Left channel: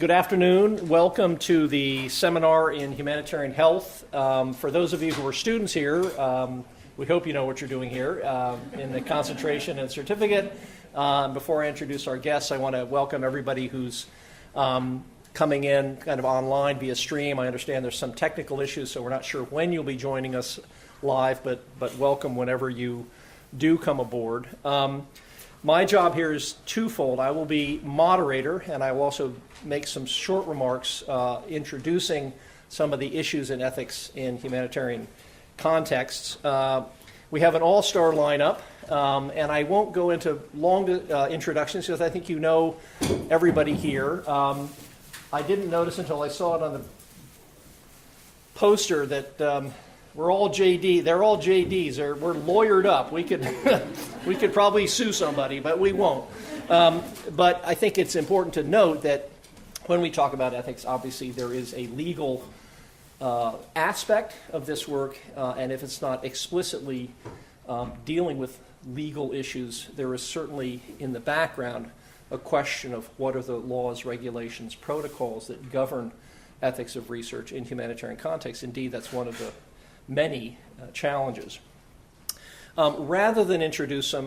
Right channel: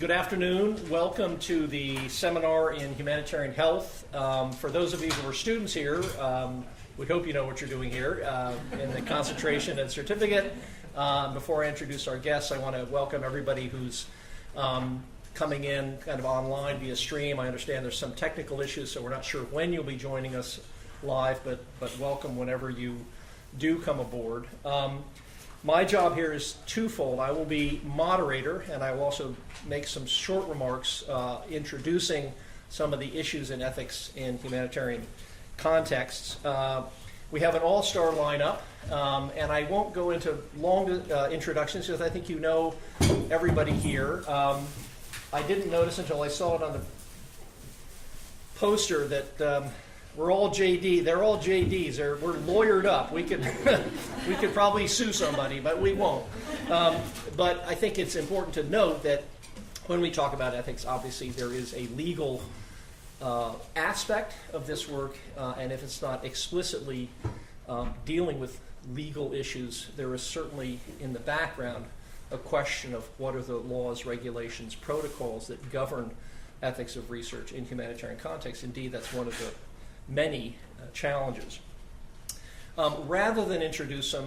Good afternoon. Welcome to the seminar in Humanitarian Health. For those of you who are students here, we hope you know what you're doing here in the concentration and certificate. Before I introduce our guests, I want to welcome everybody who's coming in kind of online via stream. I understand there's some technical issues, so we're not sure when you'll be joining us live, but welcome whenever you do come aboard. My job here is twofold. I will be moderator, and I will also make some short remarks introducing some of the issues in ethics in humanitarian contexts. We have an all-star lineup, and I won't go into long introductions because I think you know everybody here. I didn't notice until I saw it on the poster that we're all JD. They're all JDs. We're lawyered up. We could we could probably sue somebody, but we won't. But I think it's important to note that when we talk about ethics, obviously there is a legal aspect of this work, and if it's not explicitly dealing with legal issues, there is certainly in the background a question of what are the laws, regulations, protocols that govern ethics of research in humanitarian contexts. Indeed, that's one of the many challenges. Rather than introduce them,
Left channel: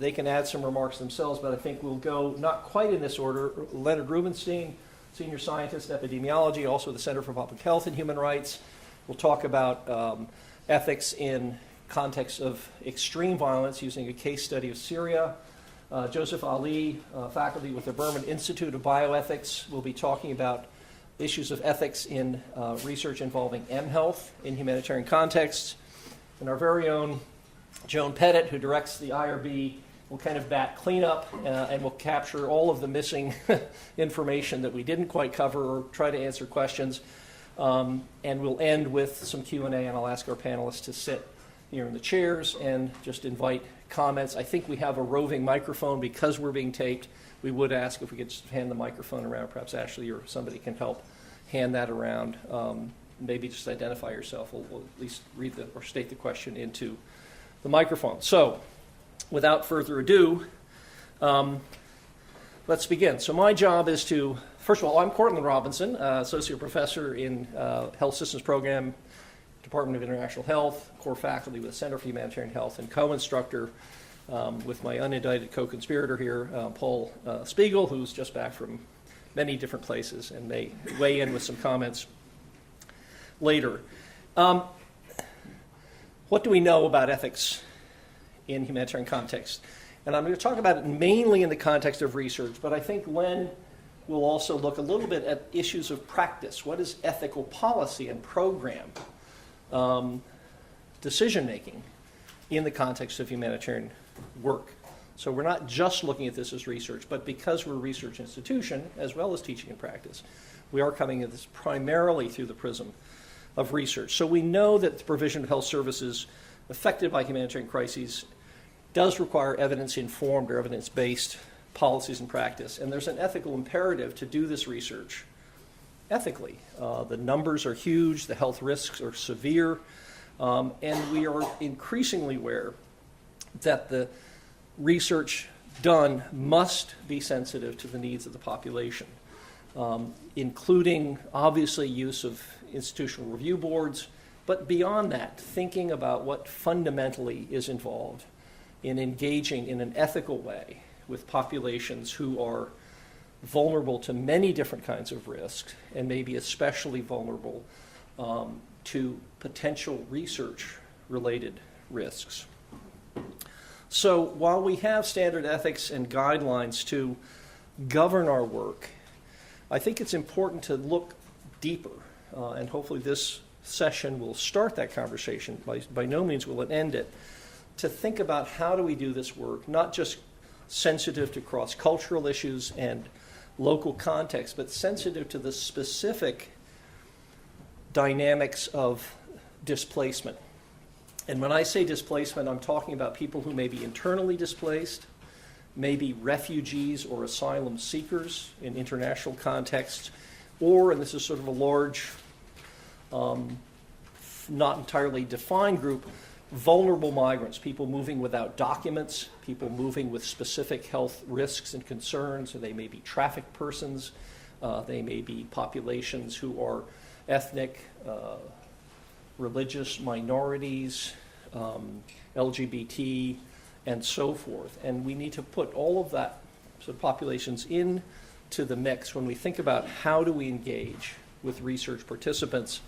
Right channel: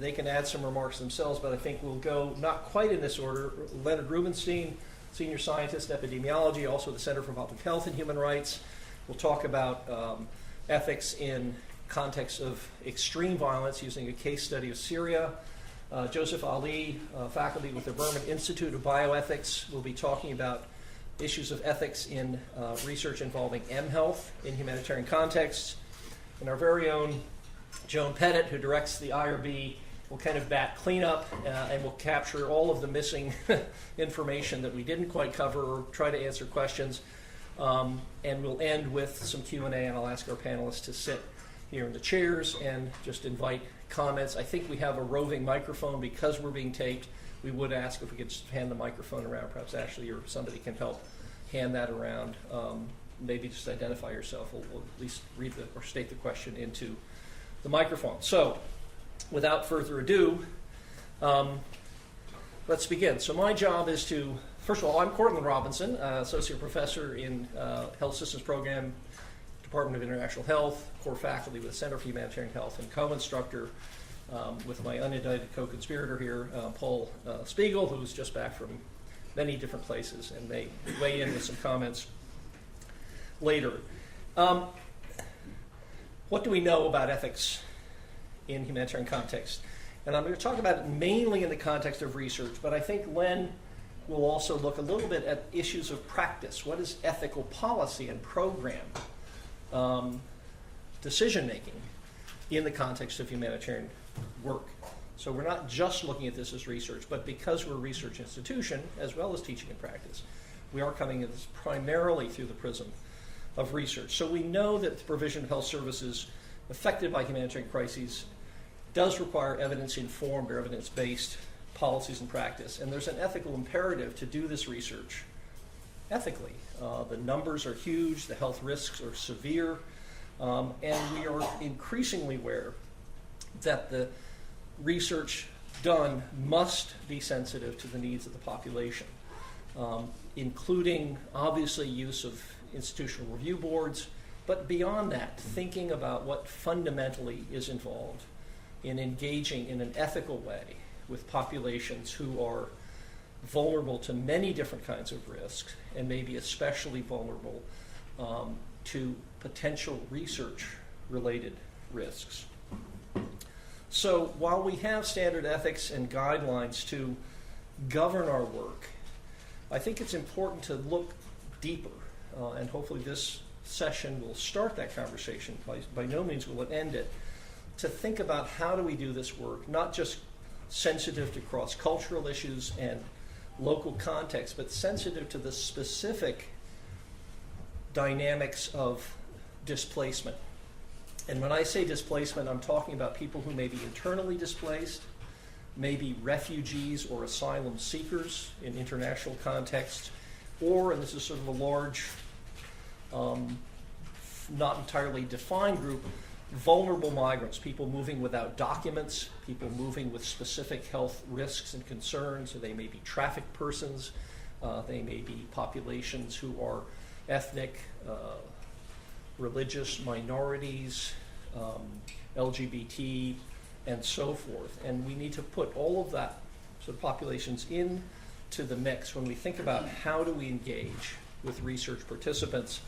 they can add some remarks themselves, but I think we'll go not quite in this order. Leonard Rubenstein, Senior Scientist, Epidemiology, also the Center for Public Health and Human Rights. We'll talk about ethics in context of extreme violence using a case study of Syria. Joseph Ali, faculty with the Berman Institute of Bioethics, will be talking about issues of ethics in research involving M-Health in humanitarian contexts. And our very own Joan Pettit, who directs the IRB, will kind of bat cleanup and will capture all of the missing information that we didn't quite cover or try to answer questions. And we'll end with some Q&A, and I'll ask our panelists to sit here in the chairs and just invite comments. I think we have a roving microphone because we're being taped. We would ask if we could just hand the microphone around. Perhaps Ashley or somebody can help hand that around. Maybe just identify yourself. We'll at least read or state the question into the microphone. So, without further ado, let's begin. So my job is to, first of all, I'm Courtland Robinson, Associate Professor in Health Systems Program, Department of International Health, core faculty with the Center for Humanitarian Health, and co-instructor with my unindicted co-conspirator here, Paul Spiegel, who's just back from many different places, and they weigh in with some comments later. What do we know about ethics in humanitarian context? And I'm going to talk about it mainly in the context of research, but I think Len will also look a little bit at issues of practice. What is ethical policy and program decision-making in the context of humanitarian work? So we're not just looking at this as research, but because we're a research institution, as well as teaching and practice, we are coming at this primarily through the prism of research. So we know that the provision of health services affected by humanitarian crises does require evidence-informed or evidence-based policies and practice, and there's an ethical imperative to do this research ethically. The numbers are huge, the health risks are severe, and we are increasingly aware that the research done must be sensitive to the needs of the population, including obviously use of institutional review boards, but beyond that, thinking about what fundamentally is involved in engaging in an ethical way with populations who are vulnerable to many different kinds of risks, and maybe especially vulnerable to potential research-related risks. So while we have standard ethics and guidelines to govern our work, I think it's important to look deeper, and hopefully this session will start that conversation. By no means will it end it, to think about how do we do this work, not just sensitive to cross-cultural issues and local context, but sensitive to the specific dynamics of displacement. And when I say displacement, I'm talking about people who may be internally displaced, maybe refugees or asylum seekers in international contexts, or, and this is sort of a large, not entirely defined group, vulnerable migrants, people moving without documents, people moving with specific health risks and concerns, and they may be trafficked persons, They may be populations who are ethnic, religious minorities, LGBT, and so forth. And we need to put all of that sort of populations into the mix when we think about how do we engage with research participants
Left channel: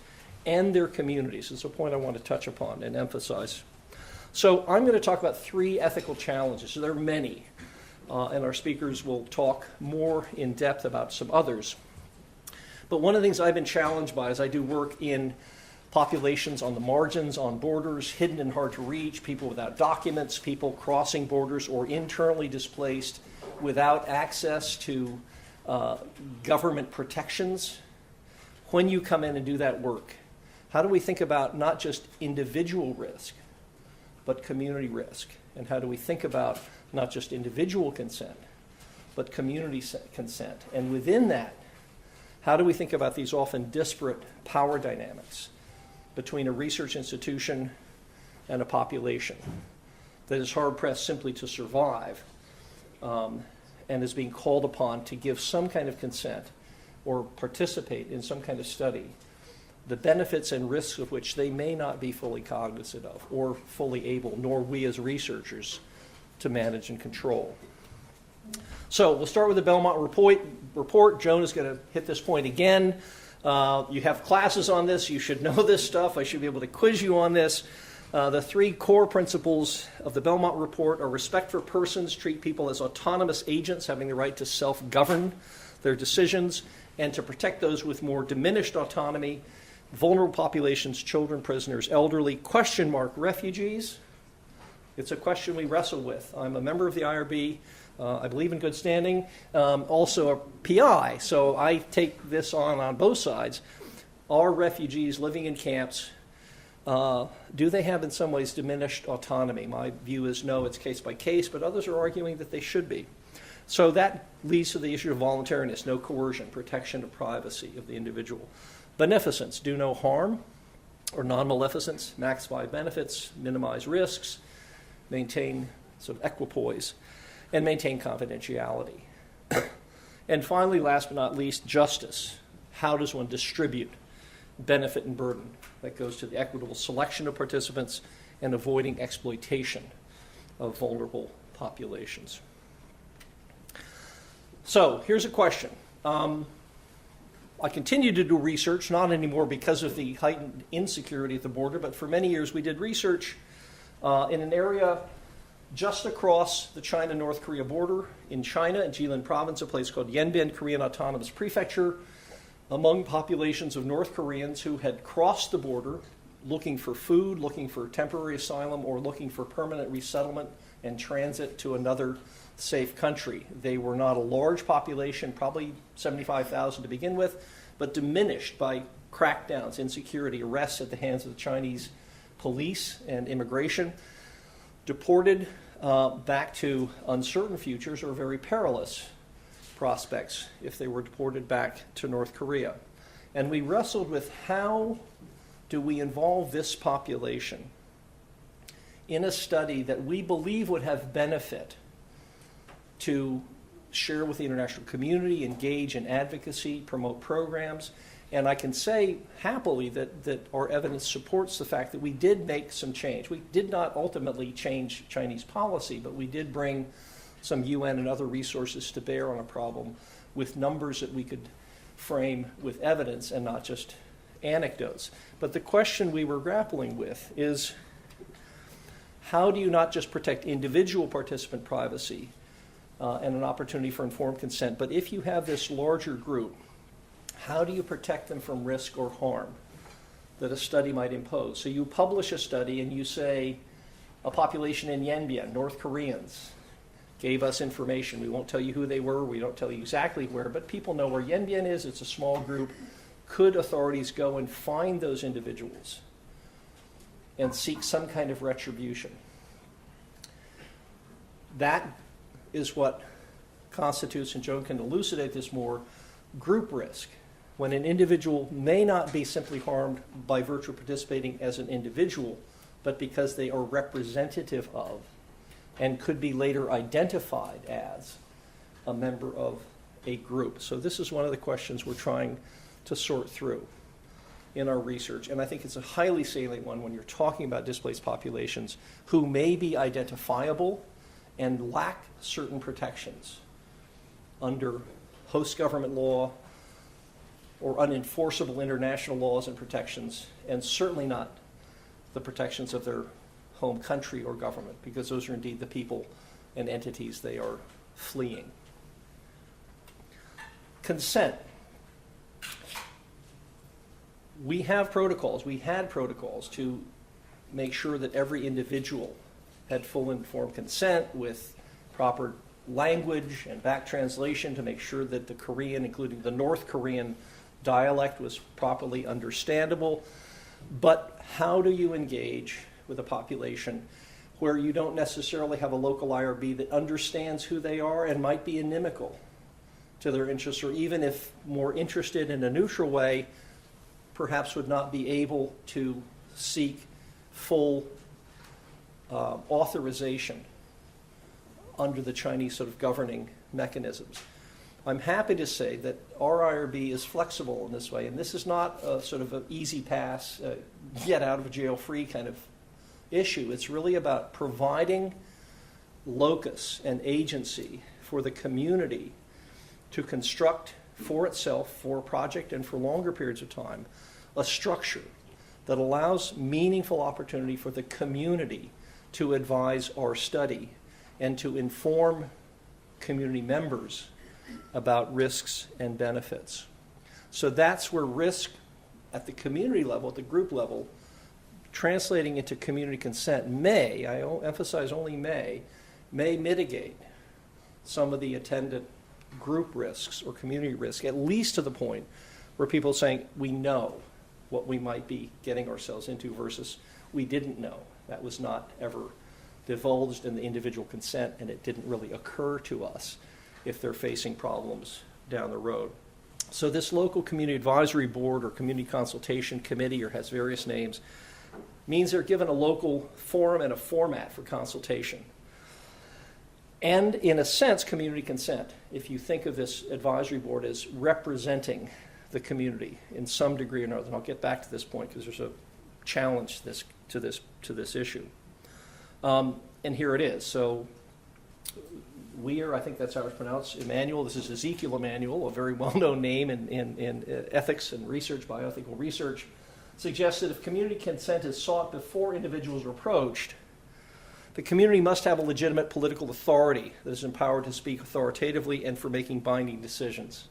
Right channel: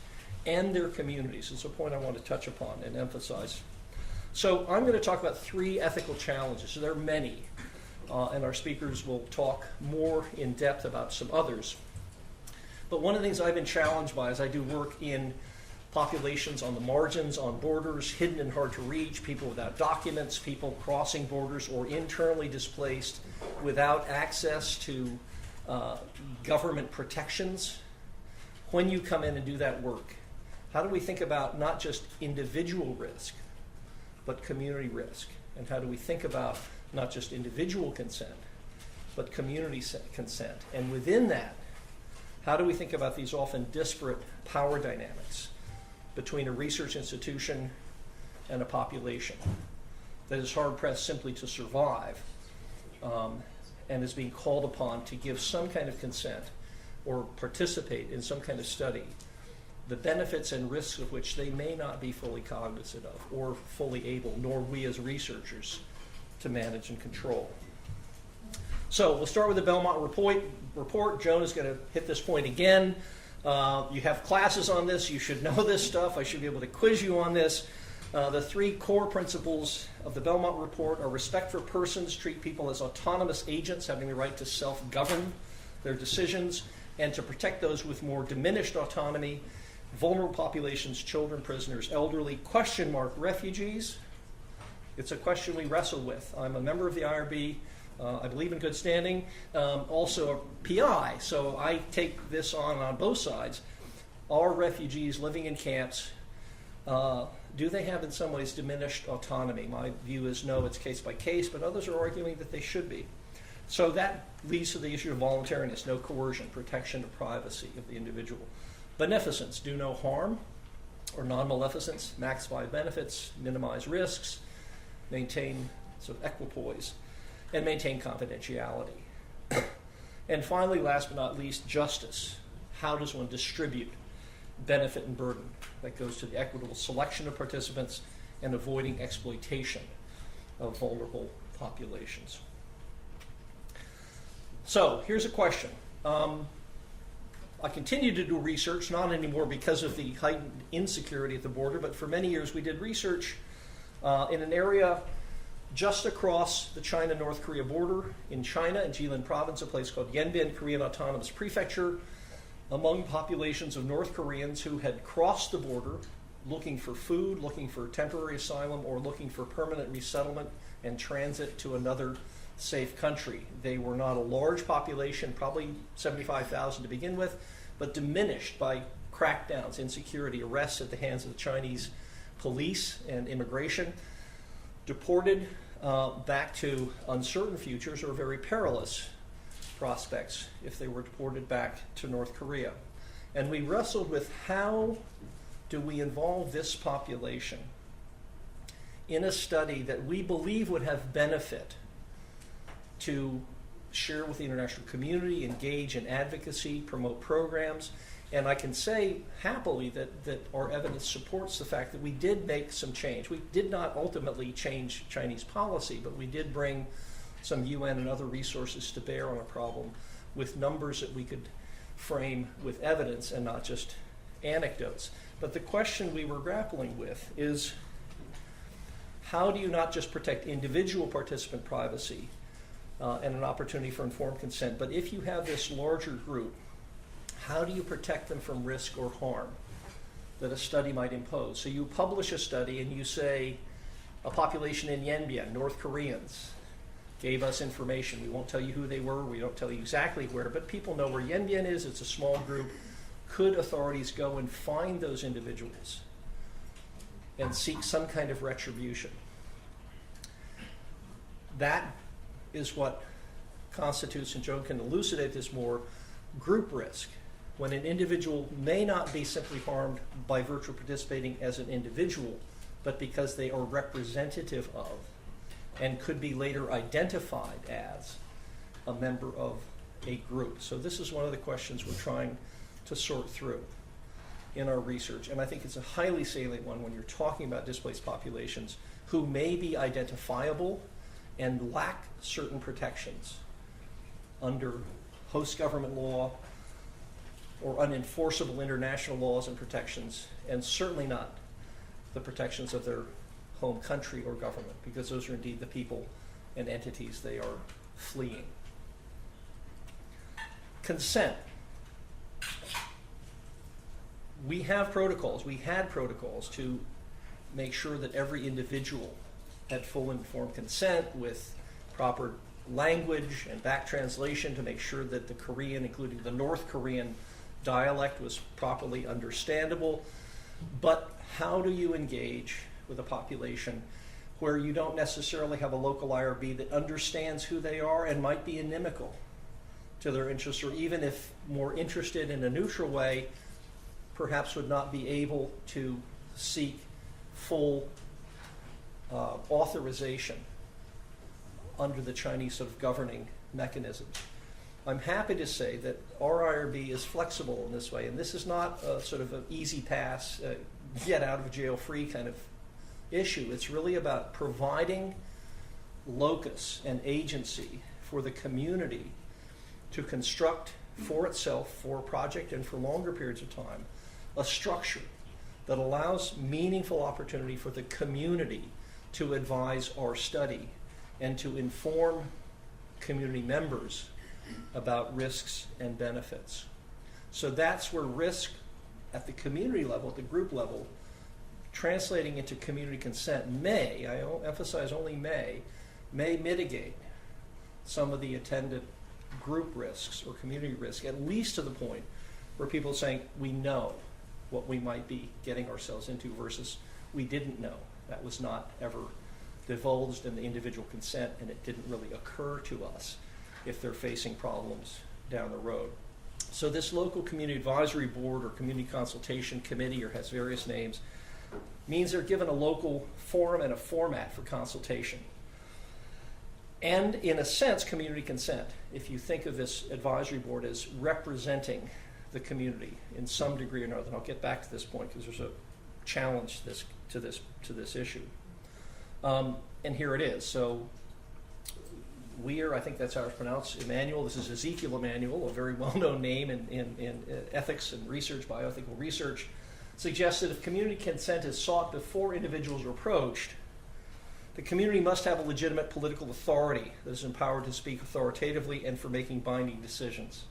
and their communities. It's a point I want to touch upon and emphasize. So I'm going to talk about 3 ethical challenges. There are many, and our speakers will talk more in depth about some others. But one of the things I've been challenged by is I do work in populations on the margins, on borders, hidden and hard to reach, people without documents, people crossing borders or internally displaced without access to government protections. When you come in and do that work, how do we think about not just individual risk, but community risk? And how do we think about not just individual consent, but community consent? And within that, how do we think about these often disparate power dynamics between a research institution and a population that is hard-pressed simply to survive and is being called upon to give some kind of consent or participate in some kind of study, the benefits and risks of which they may not be fully cognizant of or fully able, nor we as researchers, to manage and control. So we'll start with the Belmont report. Joan is going to hit this point again. You have classes on this. You should know this stuff. I should be able to quiz you on this. The 3 core principles of the Belmont report are respect for persons, treat people as autonomous agents having the right to self-govern their decisions, and to protect those with more diminished autonomy, vulnerable populations, children, prisoners, elderly, refugees. It's a question we wrestle with. I'm a member of the IRB. I believe in good standing. Also a PI, so I take this on both sides. Are refugees living in camps, do they have in some ways diminished autonomy? My view is no, it's case by case, but others are arguing that they should be. So that leads to the issue of voluntariness, no coercion, protection of privacy of the individual. Beneficence, do no harm, or non-maleficence, maximize benefits, minimize risks, maintain sort of equipoise, and maintain confidentiality. And finally, last but not least, justice. How does one distribute benefit and burden? That goes to the equitable selection of participants and avoiding exploitation of vulnerable populations. So here's a question. I continue to do research, not anymore because of the heightened insecurity at the border, but for many years we did research in an area just across the China-North Korea border in China, in Jilin province, a place called Yanbian Korean Autonomous Prefecture, among populations of North Koreans who had crossed the border looking for food, looking for temporary asylum, or looking for permanent resettlement and transit to another safe country. They were not a large population, probably 75,000 to begin with, but diminished by crackdowns, insecurity, arrests at the hands of the Chinese police and immigration, deported back to uncertain futures or very perilous prospects if they were deported back to North Korea. And we wrestled with how do we involve this population in a study that we believe would have benefit to share with the international community, engage in advocacy, promote programs. And I can say happily that our evidence supports the fact that we did make some change. We did not ultimately change Chinese policy, but we did bring some UN and other resources to bear on a problem with numbers that we could frame with evidence and not just anecdotes. But the question we were grappling with is, how do you not just protect individual participant privacy and an opportunity for informed consent, but if you have this larger group, how do you protect them from risk or harm that a study might impose? So you publish a study and you say, a population in Yanbian, North Koreans, gave us information. We won't tell you who they were. We don't tell you exactly where, but people know where Yanbian is. It's a small group. Could authorities go and find those individuals and seek some kind of retribution? That is what constitutes, and Joan can elucidate this more, group risk, when an individual may not be simply harmed by virtue of participating as an individual, but because they are representative of and could be later identified as a member of a group. So this is one of the questions we're trying to sort through in our research. And I think it's a highly salient one when you're talking about displaced populations who may be identifiable and lack certain protections under host government law or unenforceable international laws and protections, and certainly not the protections of their home country or government, because those are indeed the people and entities they are fleeing. Consent. We have protocols. We had protocols to make sure that every individual had full informed consent with proper language and back translation to make sure that the Korean, including the North Korean dialect, was properly understandable. But how do you engage with a population where you don't necessarily have a local IRB that understands who they are and might be inimical to their interests, or even if more interested in a neutral way, perhaps would not be able to seek full authorization under the Chinese sort of governing mechanisms? I'm happy to say that our IRB is flexible in this way, and this is not a sort of an easy pass, get out of jail free kind of issue. It's really about providing locus and agency for the community to construct for itself, for a project and for longer periods of time, a structure that allows meaningful opportunity for the community to advise our study and to inform community members about risks and benefits. So that's where risk at the community level, at the group level, translating into community consent may, I emphasize only may mitigate some of the attendant group risks or community risk, at least to the point where people are saying, we know what we might be getting ourselves into versus we didn't know. That was not ever divulged in the individual consent, and it didn't really occur to us if they're facing problems down the road. So this local community advisory board or community consultation committee, or has various names, means they're given a local forum and a format for consultation. And in a sense, community consent, if you think of this advisory board as representing the community in some degree or another. And I'll get back to this point because there's a challenge to this issue. And here it is. So Weir, I think that's how it's pronounced, Emmanuel. This is Ezekiel Emmanuel, a very well-known name in ethics and research, bioethical research, suggests that if community consent is sought before individuals are approached, the community must have a legitimate political authority that is empowered to speak authoritatively and for making binding decisions.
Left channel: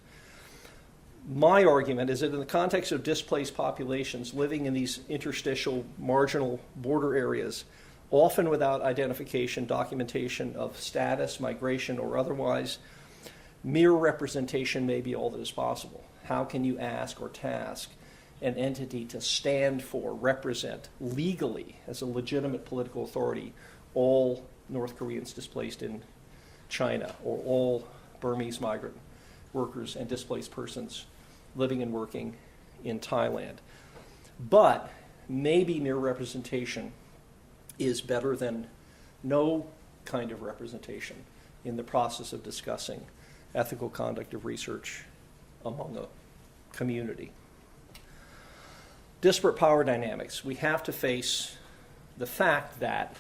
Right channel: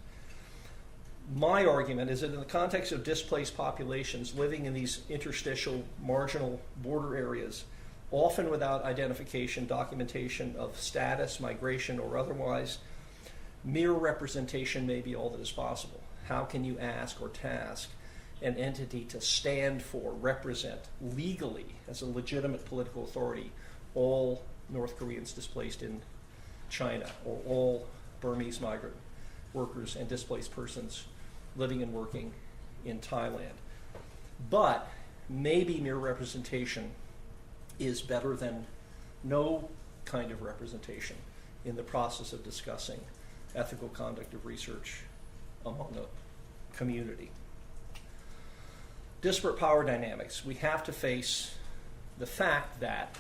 My argument is that in the context of displaced populations living in these interstitial, marginal border areas, often without identification, documentation of status, migration, or otherwise, mere representation may be all that is possible. How can you ask or task an entity to stand for, represent legally as a legitimate political authority all North Koreans displaced in China, or all Burmese migrant workers and displaced persons living and working in Thailand? But maybe mere representation is better than no kind of representation in the process of discussing ethical conduct of research among a community. Disparate power dynamics. We have to face the fact that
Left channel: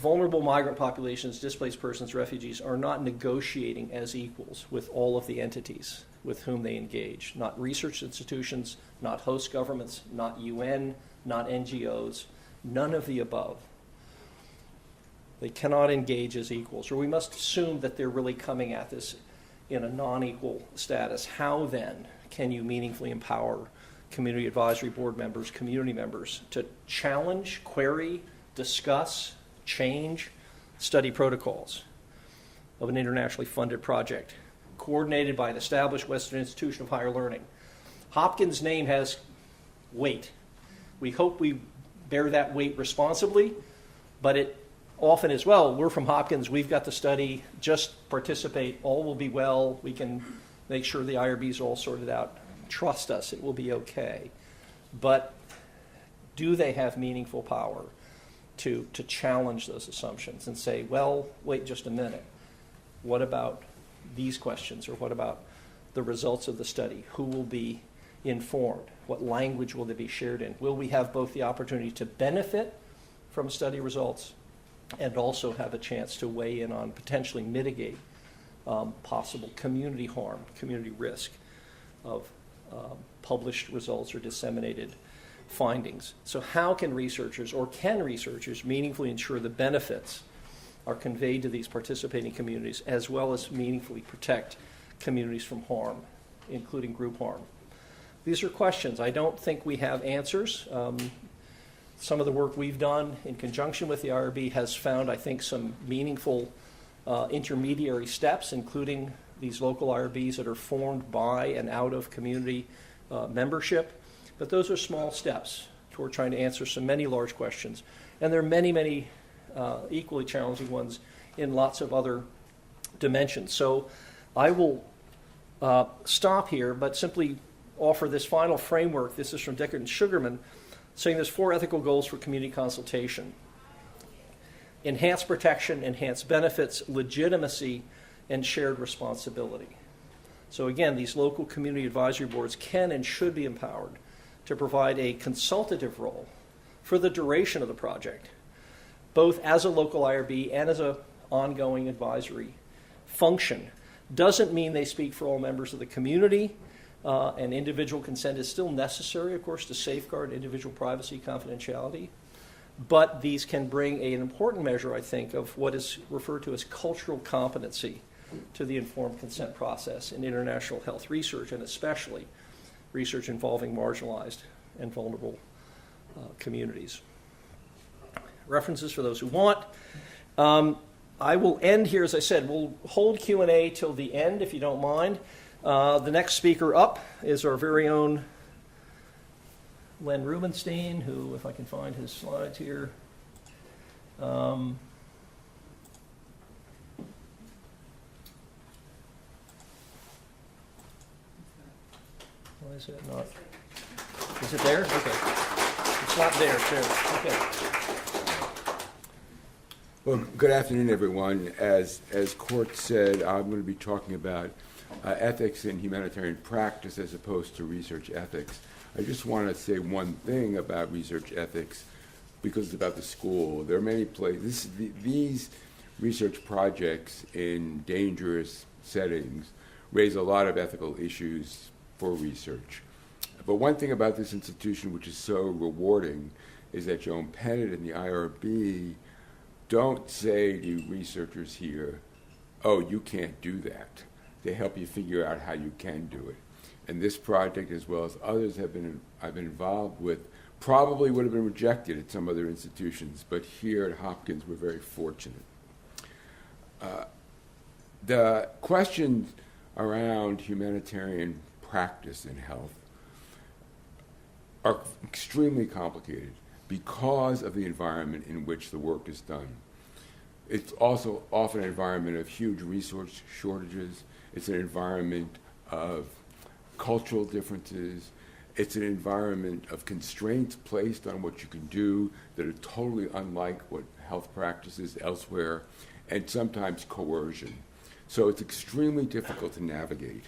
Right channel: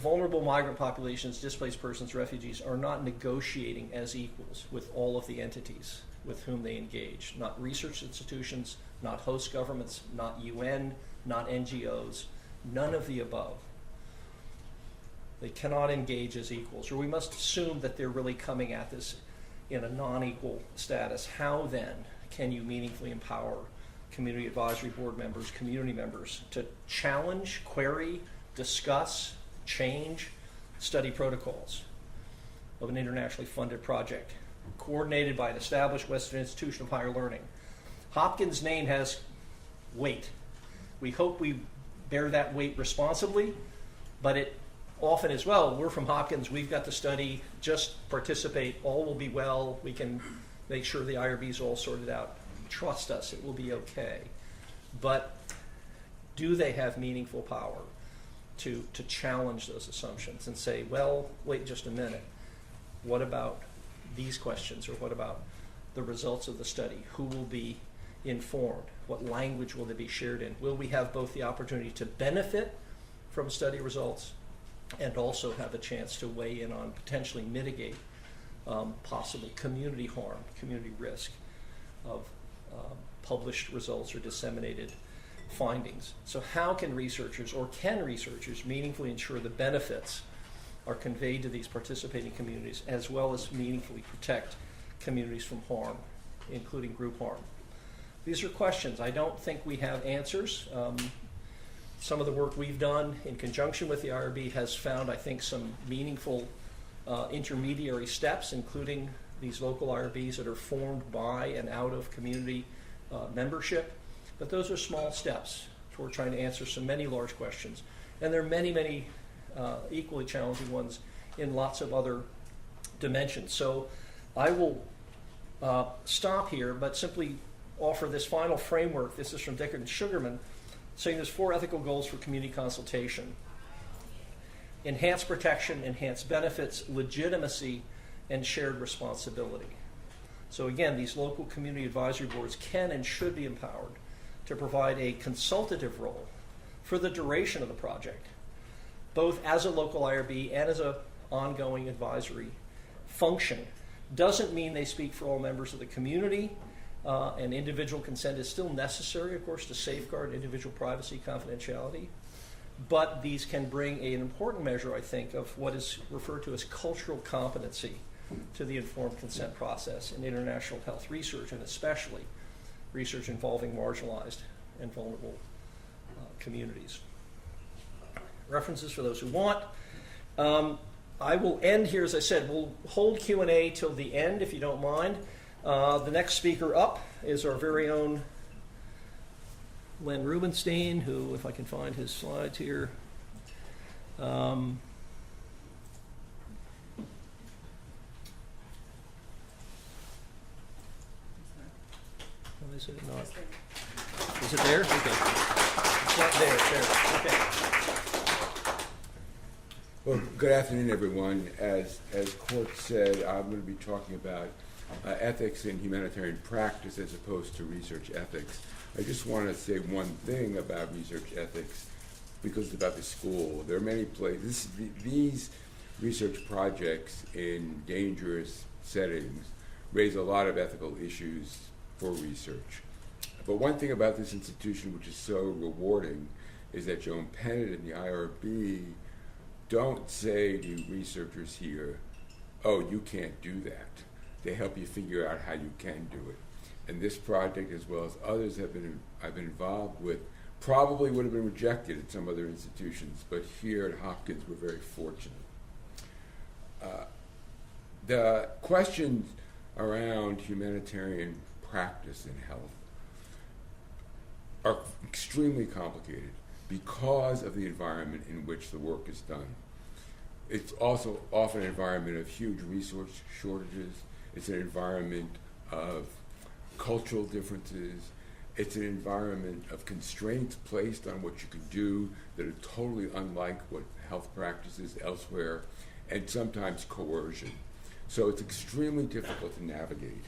vulnerable migrant populations, displaced persons, refugees, are not negotiating as equals with all of the entities with whom they engage. Not research institutions, not host governments, not UN, not NGOs, none of the above. They cannot engage as equals, or we must assume that they're really coming at this in a non-equal status. How then can you meaningfully empower community advisory board members, community members, to challenge, query, discuss, change study protocols of an internationally funded project coordinated by an established Western institution of higher learning? Hopkins' name has weight. We hope we bear that weight responsibly, but it often as well, we're from Hopkins, we've got the study, just participate, all will be well, we can make sure the IRBs are all sorted out. Trust us, it will be okay. But do they have meaningful power to challenge those assumptions and say, well, wait just a minute. what about these questions, or what about the results of the study? Who will be informed? What language will they be shared in? Will we have both the opportunity to benefit from study results and also have a chance to weigh in on potentially mitigate possible community harm, community risk of published results or disseminated findings? So how can researchers meaningfully ensure the benefits are conveyed to these participating communities, as well as meaningfully protect communities from harm, including group harm? These are questions. I don't think we have answers. Some of the work we've done in conjunction with the IRB has found, I think, some meaningful intermediary steps, including these local IRBs that are formed by and out of community membership. But those are small steps toward trying to answer many large questions. And there are many equally challenging ones in lots of other dimensions. So I will stop here, but simply offer this final framework. This is from Dickert and Sugarman, saying there's 4 ethical goals for community consultation: enhanced protection, enhanced benefits, legitimacy, and shared responsibility. So again, these local community advisory boards can and should be empowered to provide a consultative role for the duration of the project, both as a local IRB and as an ongoing advisory function. Doesn't mean they speak for all members of the community, and individual consent is still necessary, of course, to safeguard individual privacy, confidentiality. But these can bring an important measure, I think, of what is referred to as cultural competency to the informed consent process in international health research, and especially research involving marginalized and vulnerable communities. References for those who want. I will end here, as I said. We'll hold Q&A till the end, if you don't mind. The next speaker up is our very own Len Rubenstein, who, if I can find his slides here. Why is it not? Is it there? Okay. Not there. Okay. Well, good afternoon, everyone. As Court said, I'm going to be talking about ethics in humanitarian practice as opposed to research ethics. I just want to say one thing about research ethics, because it's about the school. There are many places. These research projects in dangerous settings raise a lot of ethical issues for research. But one thing about this institution which is so rewarding is that Joan Pettit and the IRB don't say to researchers here, oh, you can't do that. They help you figure out how you can do it. And this project, as well as others I've been involved with, probably would have been rejected at some other institutions, but here at Hopkins we're very fortunate. The questions around humanitarian practice in health are extremely complicated because of the environment in which the work is done. It's also often an environment of huge resource shortages. It's an environment of cultural differences. It's an environment of constraints placed on what you can do that are totally unlike what health practices elsewhere, and sometimes coercion. So it's extremely difficult to navigate.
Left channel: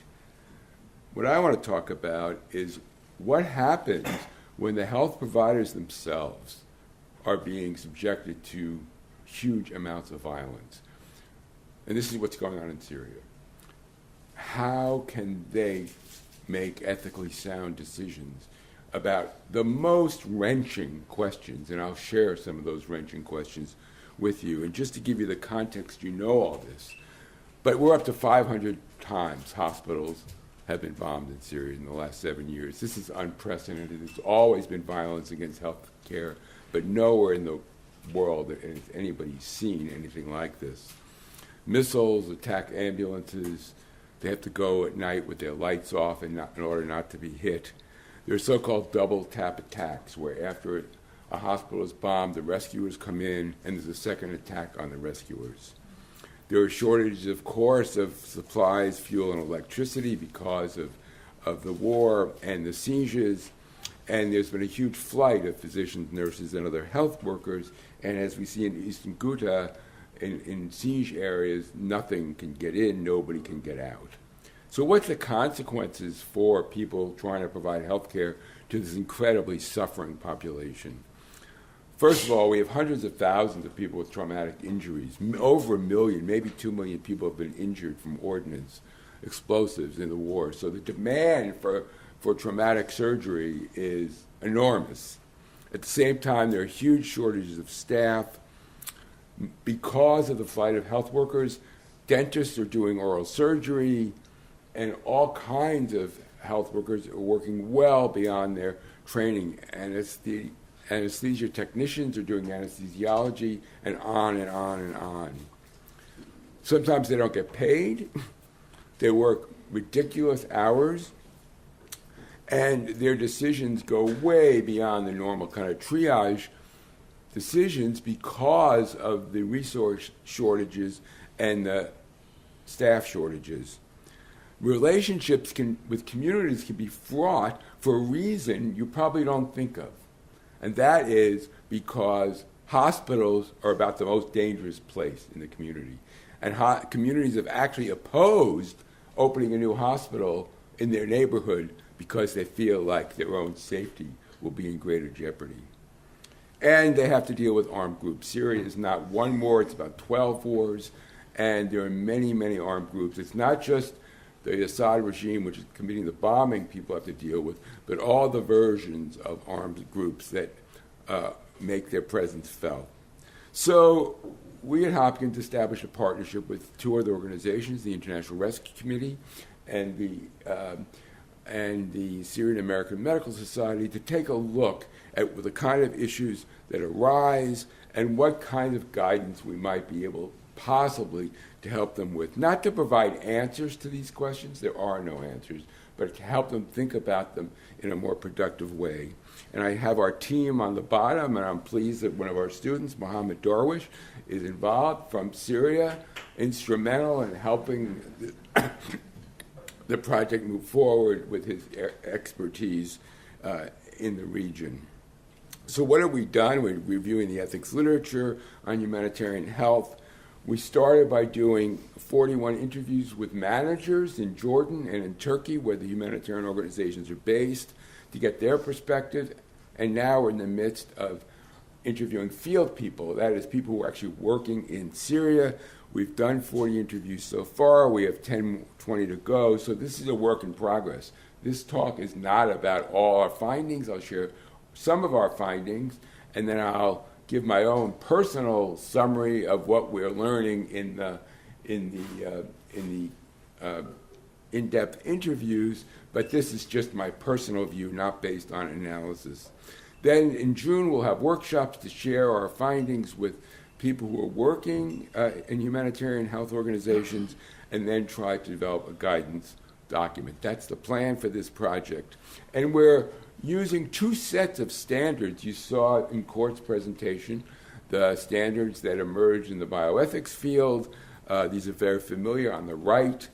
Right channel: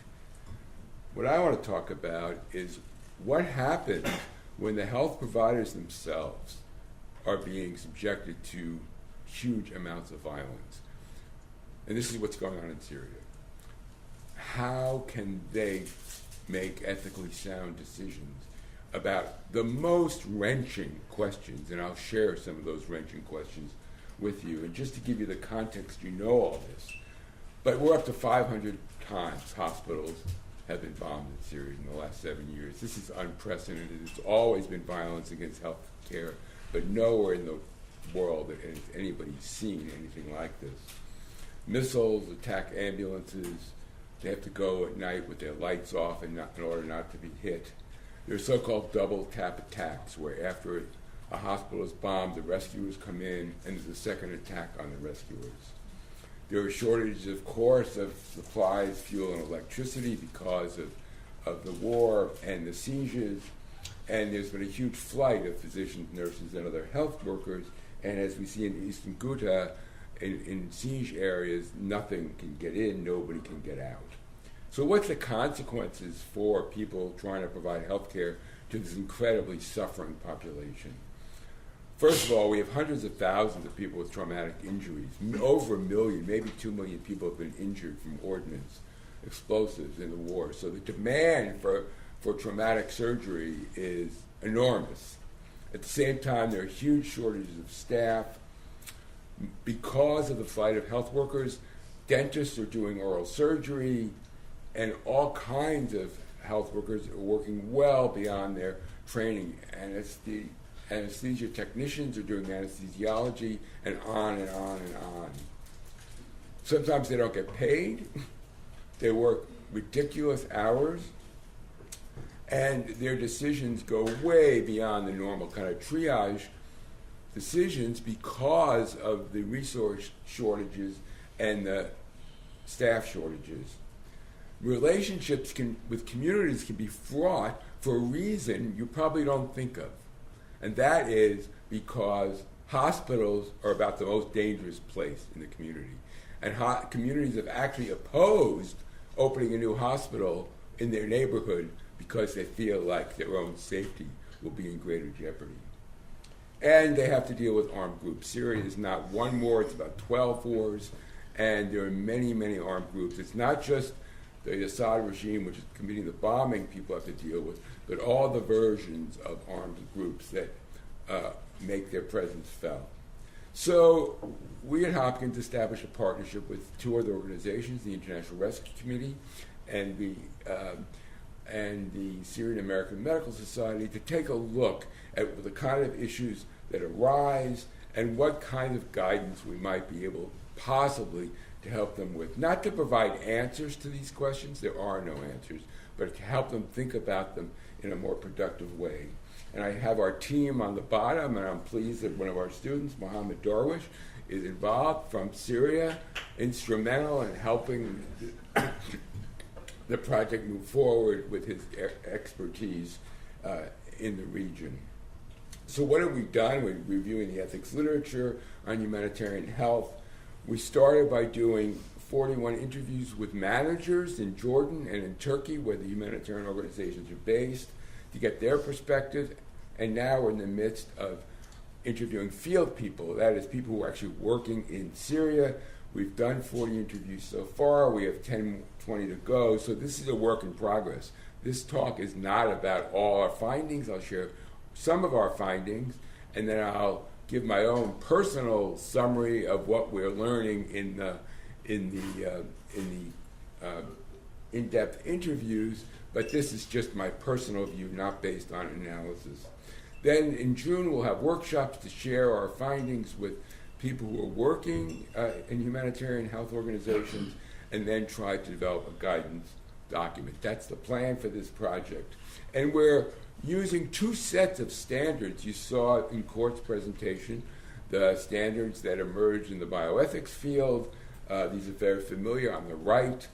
What I want to talk about is what happens when the health providers themselves are being subjected to huge amounts of violence. And this is what's going on in Syria. How can they make ethically sound decisions about the most wrenching questions? And I'll share some of those wrenching questions with you. And just to give you the context, you know all this. But we're up to 500 times hospitals have been bombed in Syria in the last 7 years. This is unprecedented. There's always been violence against health care, but nowhere in the world has anybody seen anything like this. Missiles attack ambulances. They have to go at night with their lights off in order not to be hit. There are so-called double tap attacks, where after a hospital is bombed, the rescuers come in, and there's a second attack on the rescuers. There are shortages, of course, of supplies, fuel, and electricity because of the war and the sieges. And there's been a huge flight of physicians, nurses, and other health workers. And as we see in Eastern Ghouta, in siege areas, nothing can get in, nobody can get out. So what's the consequences for people trying to provide health care to this incredibly suffering population? First of all, we have hundreds of thousands of people with traumatic injuries. Over 1 million, maybe 2 million people have been injured from ordnance, explosives in the war. So the demand for traumatic surgery is enormous. At the same time, there are huge shortages of staff. Because of the flight of health workers, dentists are doing oral surgery, and all kinds of health workers are working well beyond their training. Anesthesia technicians are doing anesthesiology, and on and on and on. Sometimes they don't get paid. They work ridiculous hours, and their decisions go way beyond the normal kind of triage decisions because of the resource shortages and the staff shortages. Relationships with communities can be fraught for a reason you probably don't think of. And that is because hospitals are about the most dangerous place in the community. And communities have actually opposed opening a new hospital in their neighborhood because they feel like their own safety will be in greater jeopardy. And they have to deal with armed groups. Syria is not one war, it's about 12 wars, and there are many, many armed groups. It's not just the Assad regime, which is committing the bombing people have to deal with, but all the versions of armed groups that make their presence felt. So we at Hopkins established a partnership with 2 other organizations, the International Rescue Committee and the Syrian American Medical Society, to take a look at the kind of issues that arise and what kind of guidance we might be able possibly to help them with. Not to provide answers to these questions, there are no answers, but to help them think about them in a more productive way. And I have our team on the bottom, and I'm pleased that one of our students, Mohammed Darwish, is involved from Syria, instrumental in helping the project move forward with his expertise in the region. So what have we done? We're reviewing the ethics literature on humanitarian health. We started by doing 41 interviews with managers in Jordan and in Turkey, where the humanitarian organizations are based, to get their perspective. And now we're in the midst of interviewing field people, that is, people who are actually working in Syria. We've done 40 interviews so far. We have 20 to go. So this is a work in progress. This talk is not about all our findings. I'll share some of our findings, and then I'll give my own personal summary of what we're learning in the in-depth interviews. But this is just my personal view, not based on analysis. Then in June, we'll have workshops to share our findings with people who are working in humanitarian health organizations, and then try to develop a guidance document. That's the plan for this project. And we're using 2 sets of standards. You saw it in Court's presentation, the standards that emerged in the bioethics field. These are very familiar on the right,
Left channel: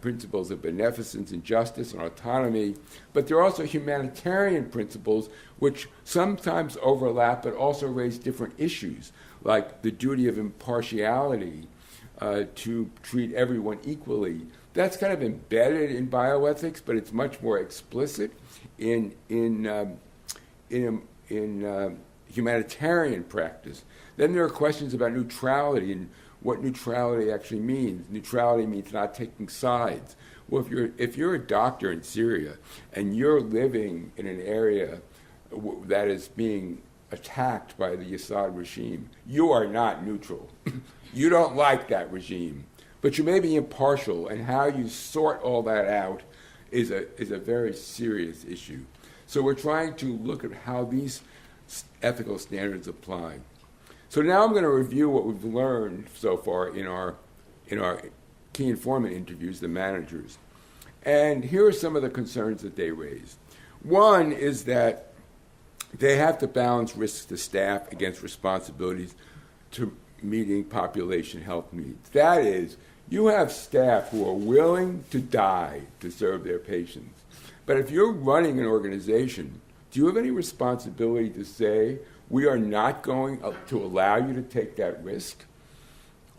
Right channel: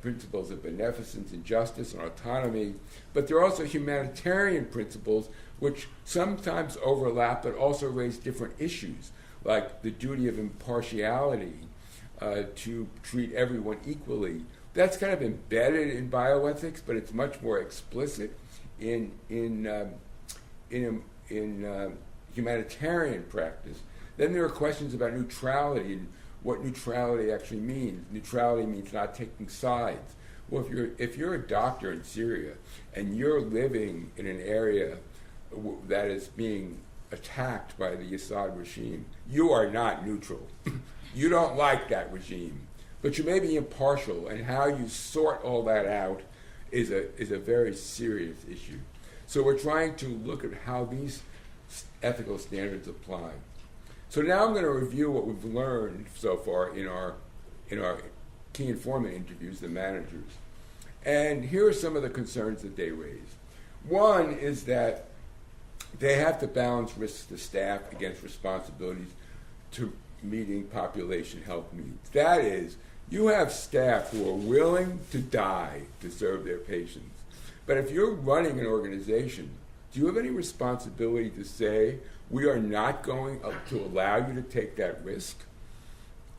principles of beneficence and justice and autonomy. But there are also humanitarian principles which sometimes overlap but also raise different issues, like the duty of impartiality, to treat everyone equally. That's kind of embedded in bioethics, but it's much more explicit in humanitarian practice. Then there are questions about neutrality and what neutrality actually means. Neutrality means not taking sides. Well, if you're a doctor in Syria and you're living in an area that is being attacked by the Assad regime, you are not neutral. You don't like that regime, but you may be impartial, and how you sort all that out is a very serious issue. So we're trying to look at how these ethical standards apply. So now I'm going to review what we've learned so far in our key informant interviews, the managers. And here are some of the concerns that they raised. One is that they have to balance risks to staff against responsibilities to meeting population health needs. That is, you have staff who are willing to die to serve their patients. But if you're running an organization, do you have any responsibility to say, we are not going to allow you to take that risk?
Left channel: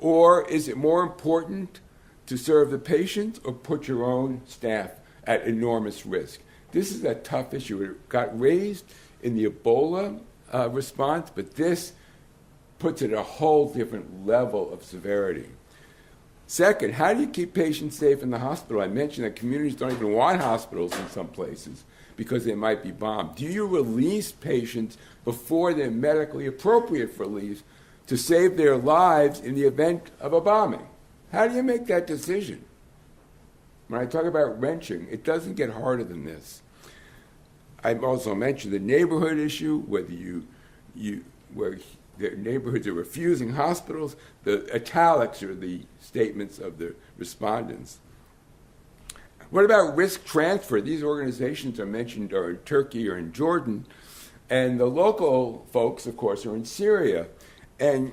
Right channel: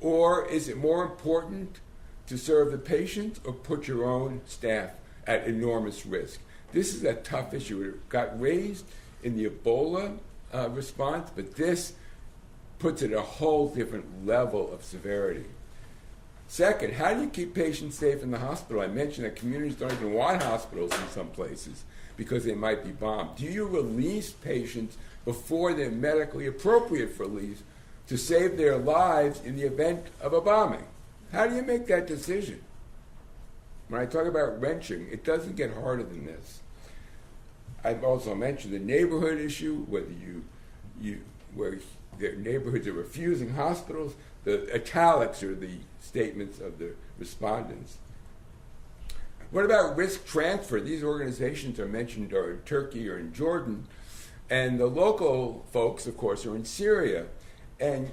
Or is it more important to serve the patient or put your own staff at enormous risk? This is a tough issue. It got raised in the Ebola response, but this puts it at a whole different level of severity. Second, how do you keep patients safe in the hospital? I mentioned that communities don't even want hospitals in some places because they might be bombed. Do you release patients before they're medically appropriate for release to save their lives in the event of a bombing? How do you make that decision? When I talk about wrenching, it doesn't get harder than this. I've also mentioned the neighborhood issue, where the neighborhoods are refusing hospitals. The italics are the statements of the respondents. What about risk transfer? These organizations are mentioned are in Turkey or in Jordan, and the local folks, of course, are in Syria. And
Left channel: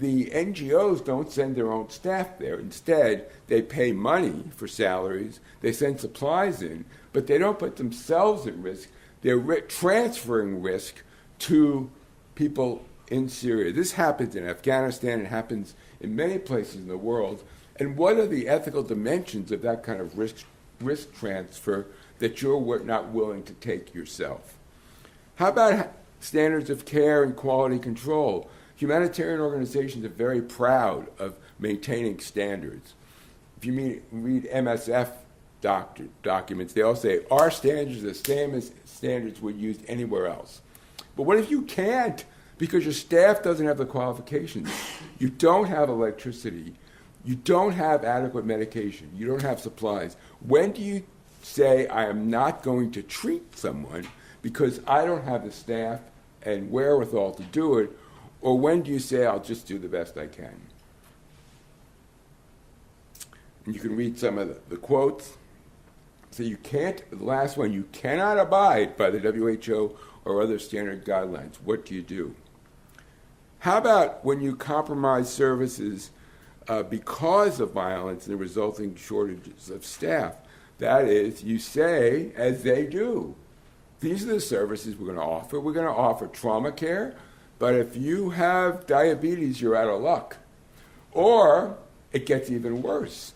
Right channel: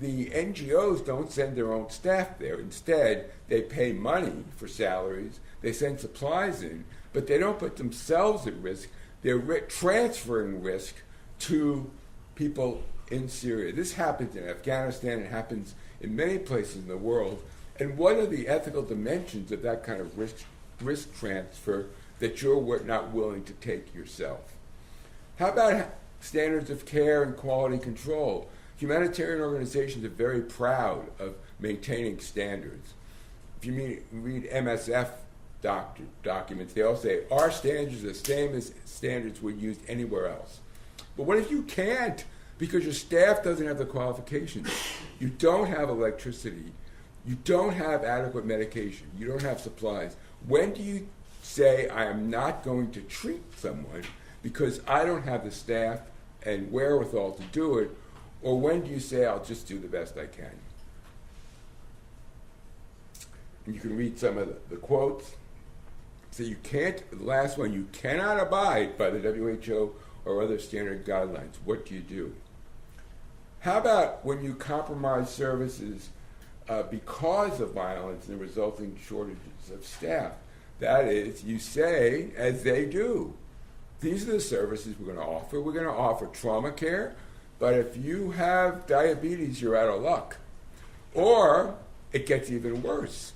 the NGOs don't send their own staff there. Instead, they pay money for salaries. They send supplies in, but they don't put themselves at risk. They're transferring risk to people in Syria. This happens in Afghanistan. It happens in many places in the world. And what are the ethical dimensions of that kind of risk transfer that you're not willing to take yourself? How about standards of care and quality control? Humanitarian organizations are very proud of maintaining standards. If you read MSF documents, they all say, our standards are the same as standards we use anywhere else. But what if you can't because your staff doesn't have the qualifications? You don't have electricity. You don't have adequate medication. You don't have supplies. When do you say, I am not going to treat someone because I don't have the staff and wherewithal to do it? Or when do you say, I'll just do the best I can? And you can read some of the quotes. So you can't, the last one, you cannot abide by the WHO or other standard guidelines. What do you do? How about when you compromise services because of violence and the resulting shortages of staff? That is, you say, as they do, these are the services we're going to offer. We're going to offer trauma care, but if you have diabetes, you're out of luck. Or it gets even worse.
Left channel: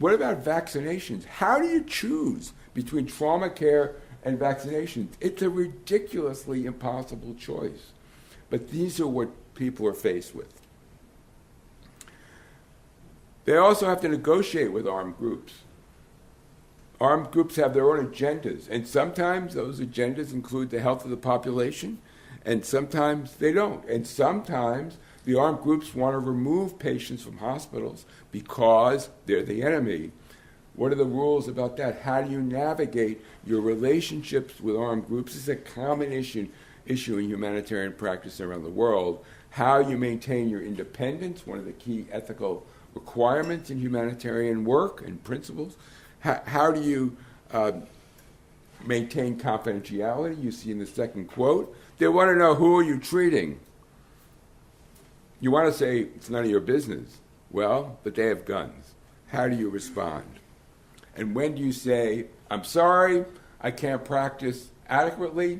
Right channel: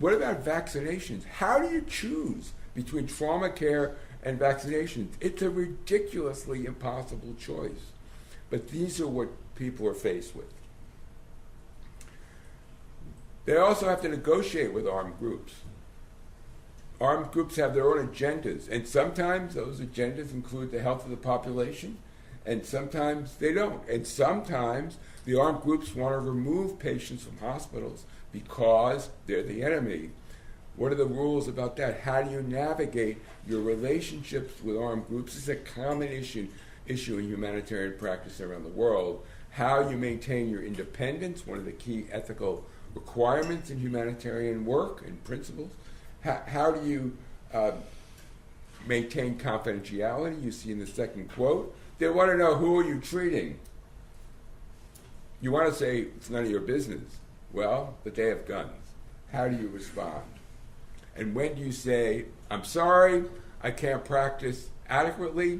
What about vaccinations? How do you choose between trauma care and vaccinations? It's a ridiculously impossible choice. But these are what people are faced with. They also have to negotiate with armed groups. Armed groups have their own agendas, and sometimes those agendas include the health of the population, and sometimes they don't. And sometimes the armed groups want to remove patients from hospitals because they're the enemy. What are the rules about that? How do you navigate your relationships with armed groups? This is a common issue in humanitarian practice around the world. How you maintain your independence, one of the key ethical requirements in humanitarian work and principles. How do you maintain confidentiality? You see in the second quote, they want to know, who are you treating? You want to say, it's none of your business. Well, but they have guns. How do you respond? And when do you say, I'm sorry, I can't practice adequately,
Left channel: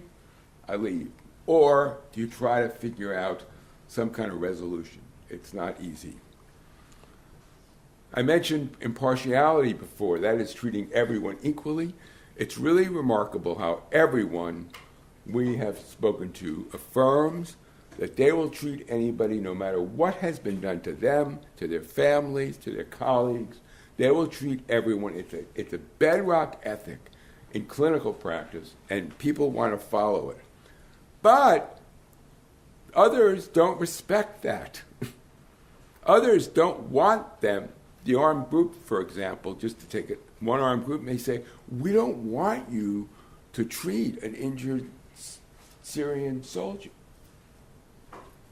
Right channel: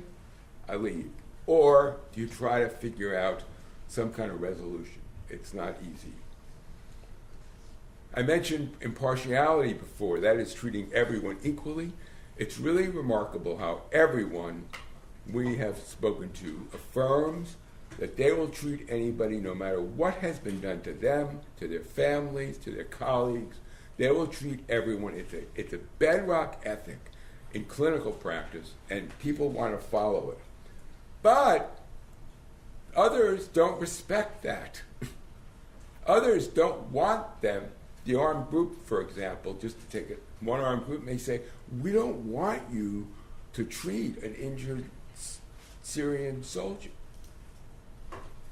I leave? Or do you try to figure out some kind of resolution? It's not easy. I mentioned impartiality before. That is treating everyone equally. It's really remarkable how everyone we have spoken to affirms that they will treat anybody, no matter what has been done to them, to their families, to their colleagues. They will treat everyone. It's a bedrock ethic in clinical practice, and people want to follow it. But others don't respect that. Others don't want them. The armed group, for example, just to take it, one armed group may say, we don't want you to treat an injured Syrian soldier.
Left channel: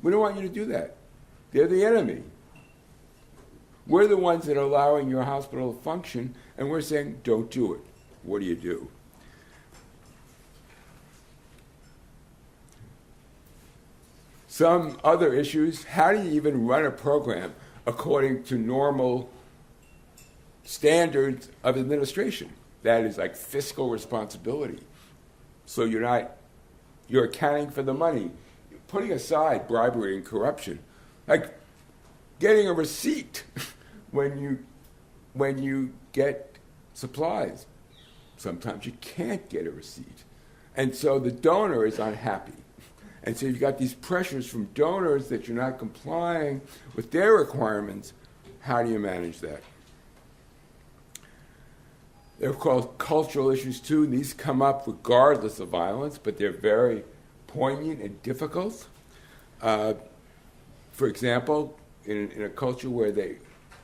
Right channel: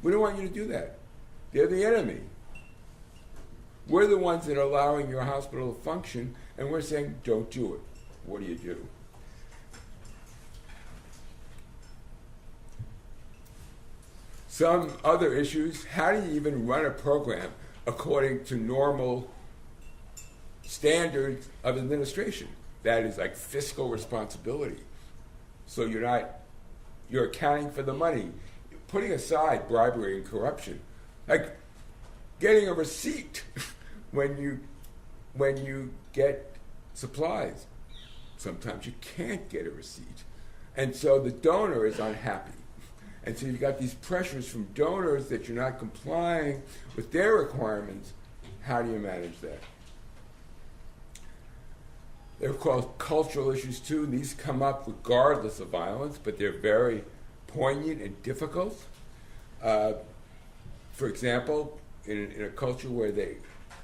We don't want you to do that. They're the enemy. We're the ones that are allowing your hospital to function, and we're saying, don't do it. What do you do? Some other issues, how do you even run a program according to normal standards of administration? That is like fiscal responsibility. So you're accounting for the money, putting aside bribery and corruption. Like, getting a receipt when you get supplies. Sometimes you can't get a receipt. And so the donor is unhappy. And so you've got these pressures from donors that you're not complying with their requirements. How do you manage that? They're called cultural issues too. These come up regardless of violence, but they're very poignant and difficult. For example, in a culture where they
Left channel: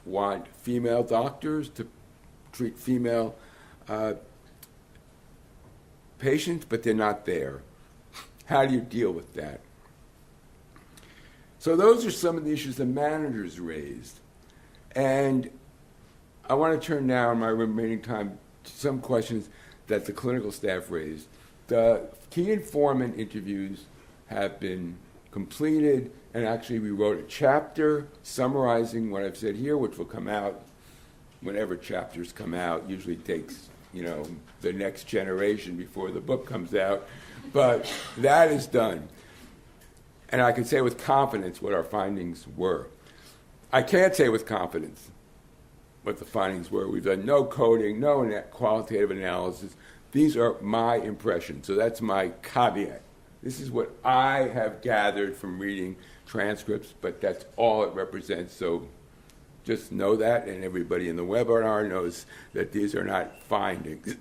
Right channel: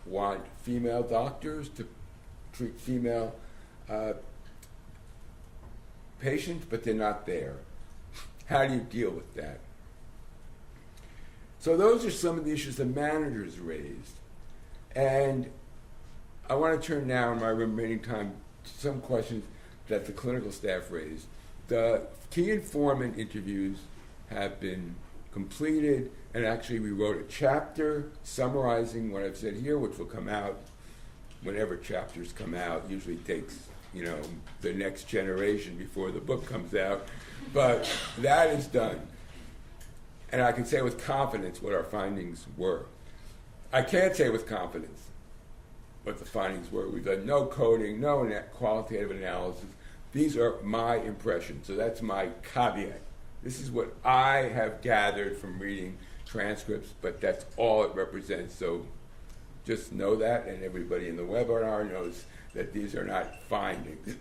want female doctors to treat female patients, but they're not there. How do you deal with that? So those are some of the issues that managers raised. And I want to turn now in my remaining time to some questions that the clinical staff raised. The key informant interviews have been completed, and actually we wrote a chapter summarizing what I've said here, which will come out whenever chapters come out. Usually takes, the next generation before the book comes out. But that is done. And I can say with confidence what our findings were. I can't say with confidence what the findings were. We've done no coding, no qualitative analysis. These are my impressions. So that's my caveat. This is what I have gathered from reading transcripts, but that's all it represents. So just know that, and everybody in the webinar knows that these are not findings.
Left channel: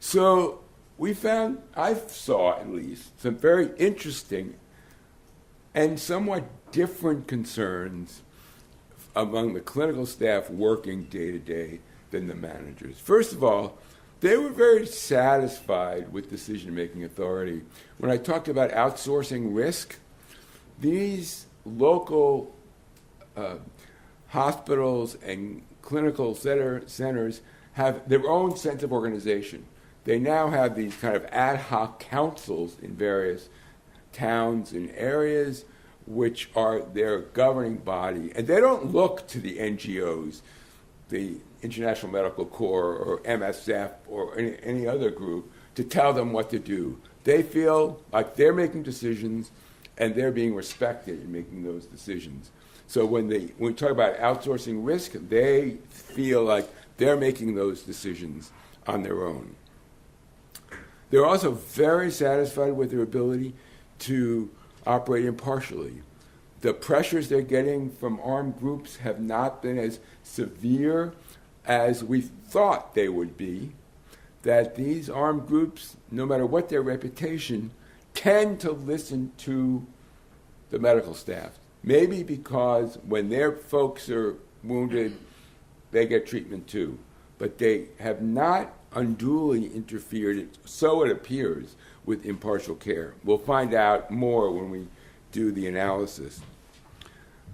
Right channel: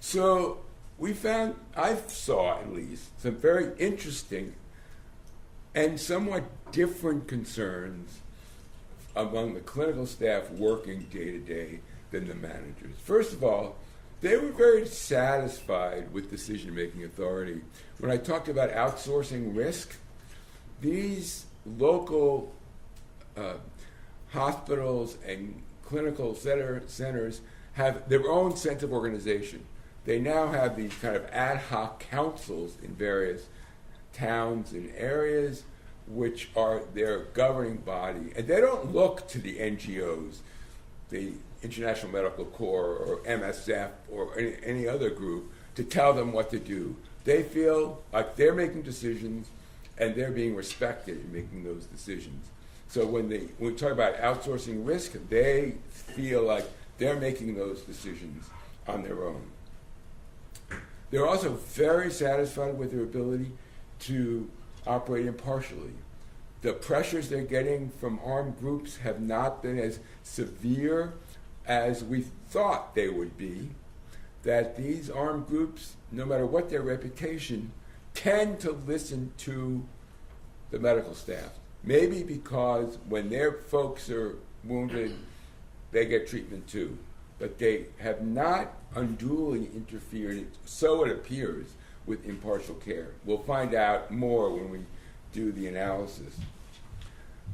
So we found, I saw at least, some very interesting and somewhat different concerns among the clinical staff working day to day than the managers. First of all, they were very satisfied with decision-making authority. When I talked about outsourcing risk, these local hospitals and clinical centers have their own sense of organization. They now have these kind of ad hoc councils in various towns and areas which are their governing body. And they don't look to the NGOs, the International Medical Corps or MSF or any other group, to tell them what to do. They feel like they're making decisions and they're being respected in making those decisions. So when we talk about outsourcing risk, they feel like they're making those decisions on their own. They're also very satisfied with their ability to operate impartially. The pressures they're getting from armed groups have not been as severe as we thought they would be, that these armed groups, no matter what their reputation, tend to listen to the medical staff. Maybe because when their folks are wounded, they get treatment too. But they have not unduly interfered, so it appears, with impartial care. We'll find out more when we do the analysis.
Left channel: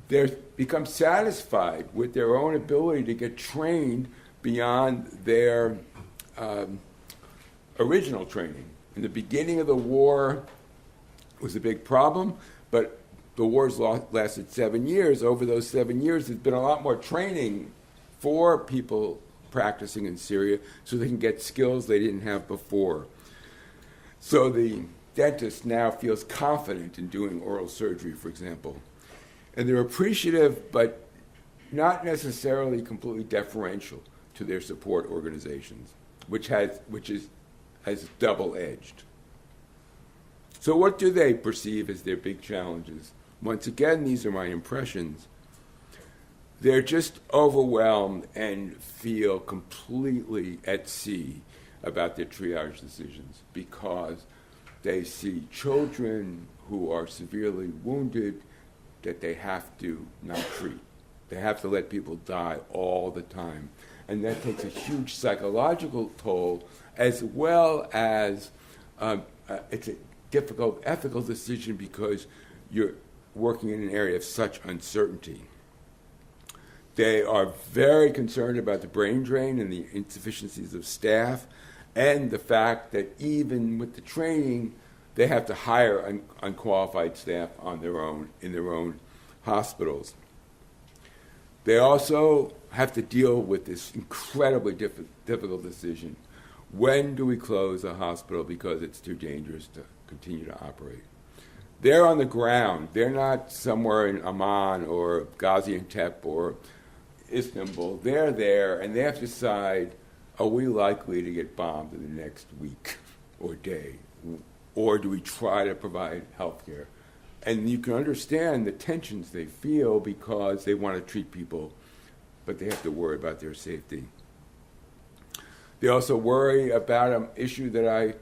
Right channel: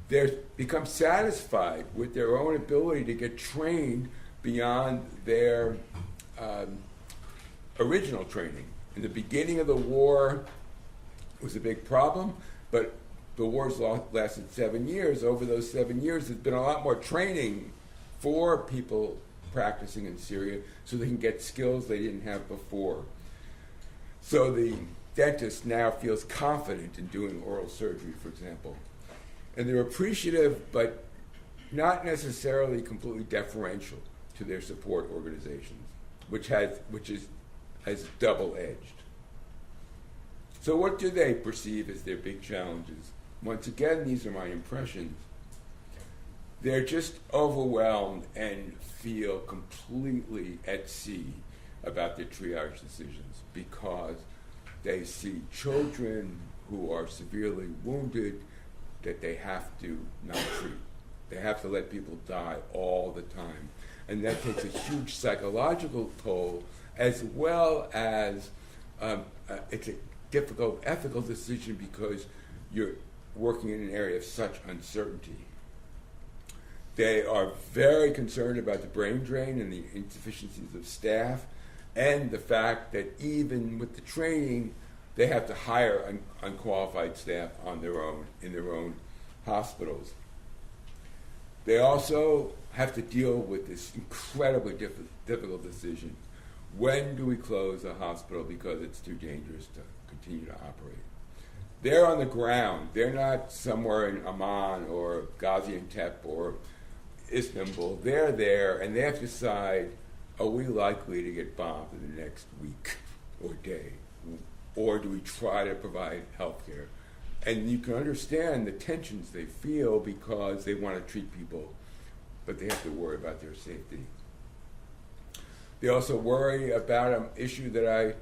They've become satisfied with their own ability to get trained beyond their original training. In the beginning of the war, it was a big problem, but the war's lasted 7 years. Over those 7 years, there's been a lot more training for people practicing in Syria so they can get skills they didn't have before. So the dentist now feels confident in doing oral surgery, for example. And they're appreciative, but not necessarily completely deferential to their support organizations, which is double-edged. So what do they perceive as their big challenges? Once again, these are my impressions. They're just overwhelmed and feel completely at sea about their triage decisions because they see children who are severely wounded that they have to not treat. They have to let people die all the time. And that takes a huge psychological toll, as well as it's a difficult ethical decision because you're working in an area of such uncertainty. They are very concerned about the brain drain and the insufficiencies of staff and the fact that even with the training, they have to hire unqualified staff on their own, in their own hospitals. They also have to deal with this incredibly difficult decision. When do we close a hospital because it's too dangerous to continue to operate? They're on the ground. They're not somewhere in Amman or Gaziantep or Istanbul. They're there, and they have to decide, are we likely to get bombed in the next week or day? Or do we try to provide health care? And you can understand the tensions they feel because they want to treat people, but they have to worry about their safety. They also worry about an issue that I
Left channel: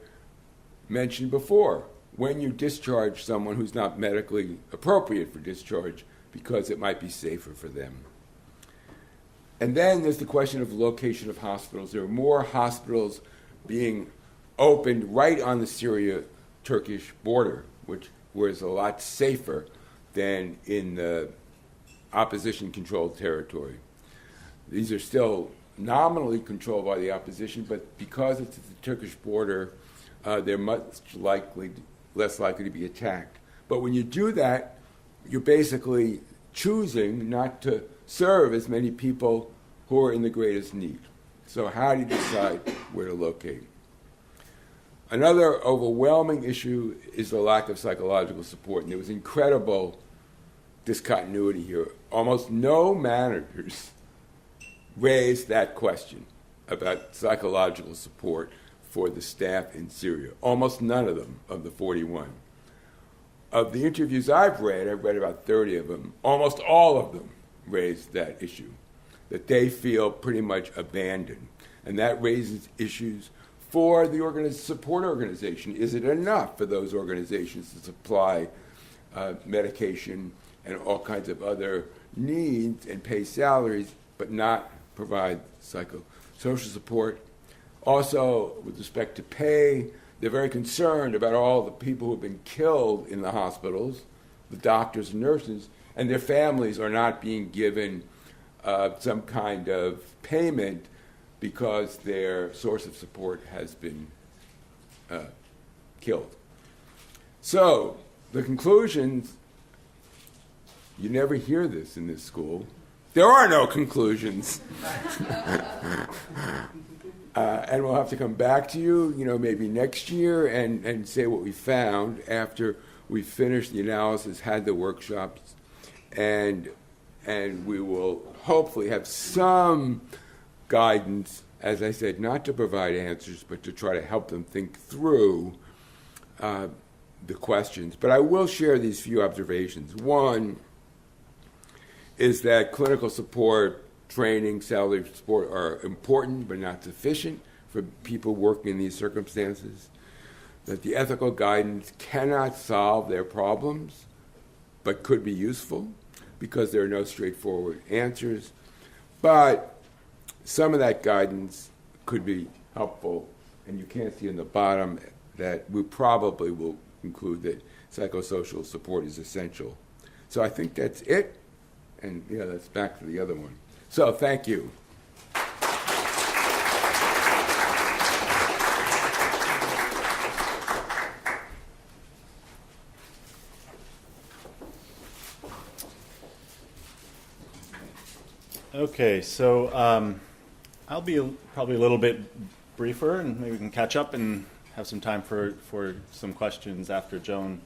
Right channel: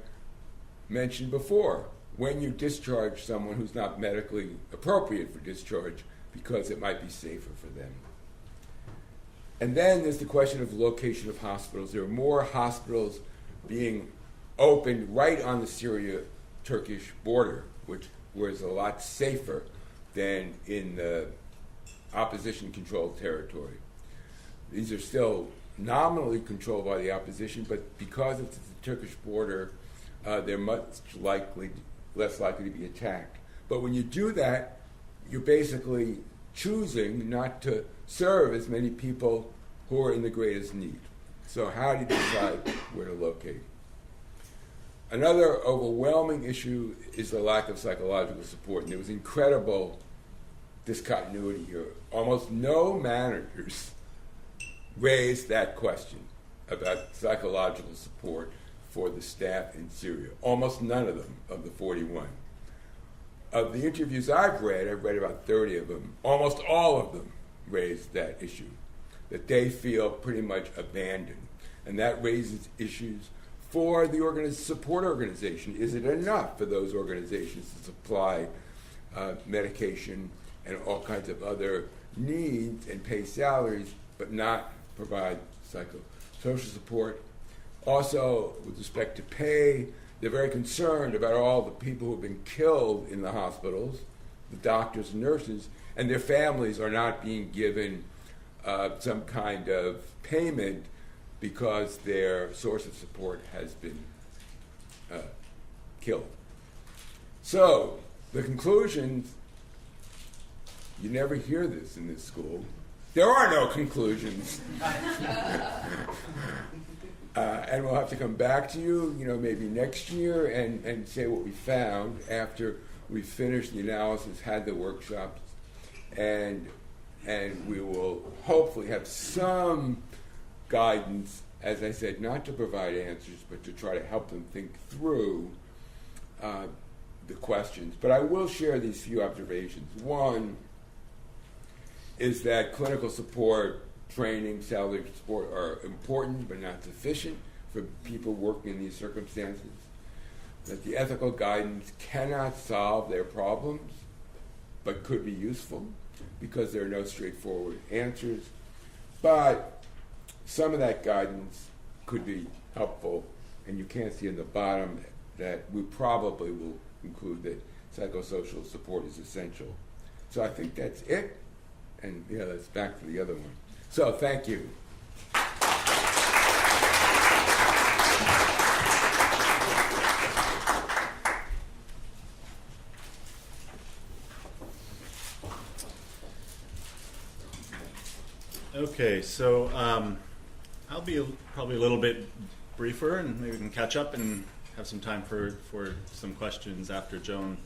mentioned before. When you discharge someone who's not medically appropriate for discharge because it might be safer for them. And then there's the question of location of hospitals. There are more hospitals being opened right on the Syria-Turkish border, which was a lot safer than in the opposition-controlled territory. These are still nominally controlled by the opposition, but because it's the Turkish border, they're less likely to be attacked. But when you do that, you're basically choosing not to serve as many people who are in the greatest need. So how do you decide where to locate? Another overwhelming issue is the lack of psychological support. And there was incredible discontinuity here. Almost no managers raised that question about psychological support for the staff in Syria. Almost none of them, of the 41. Of the interviews I've read about 30 of them, almost all of them raised that issue, that they feel pretty much abandoned. And that raises issues for the support organization. Is it enough for those organizations to supply medication and all kinds of other needs and pay salaries, but not provide psychosocial support? Also, with respect to pay, they're very concerned about all the people who have been killed in the hospitals, the doctors and nurses, and their families are not being given some kind of payment because their source of support has been killed. So, the conclusions, you never hear this in this school. There are no conclusions. And we'll have to come back to you, maybe next year and say what we found after we finished the analysis, had the workshops, and we will hopefully have some guidance, as I said, not to provide answers, but to try to help them think through the questions. But I will share these few observations. One is that clinical support, training, salary support are important but not sufficient for people working in these circumstances. That the ethical guidance cannot solve their problems but could be useful because there are no straightforward answers. But some of that guidance could be helpful, and you can't see in the bottom that we probably will conclude that psychosocial support is essential. So I think that's it, and that's back to the other one. So thank you. Okay, so I'll be probably a little bit briefer, and maybe we can catch up and have some time for some questions after Joan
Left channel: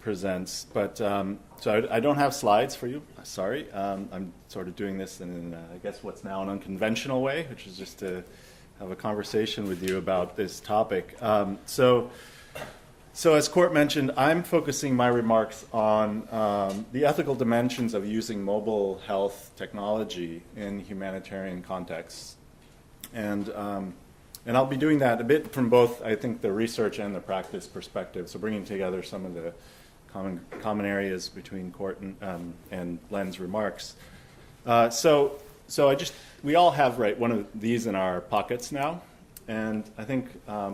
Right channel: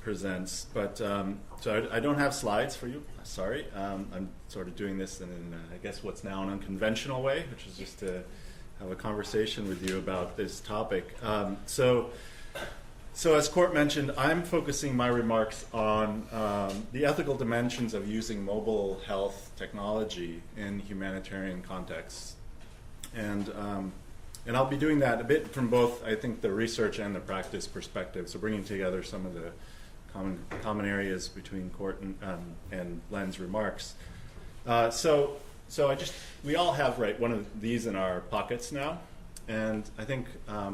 presents. But so I don't have slides for you. Sorry. I'm sort of doing this in, I guess, what's now an unconventional way, which is just to have a conversation with you about this topic. So as Court mentioned, I'm focusing my remarks on the ethical dimensions of using mobile health technology in humanitarian contexts. And I'll be doing that a bit from both, I think, the research and the practice perspective, so bringing together some of the common areas between Court and Len's remarks. So we all have one of these in our pockets now, and I think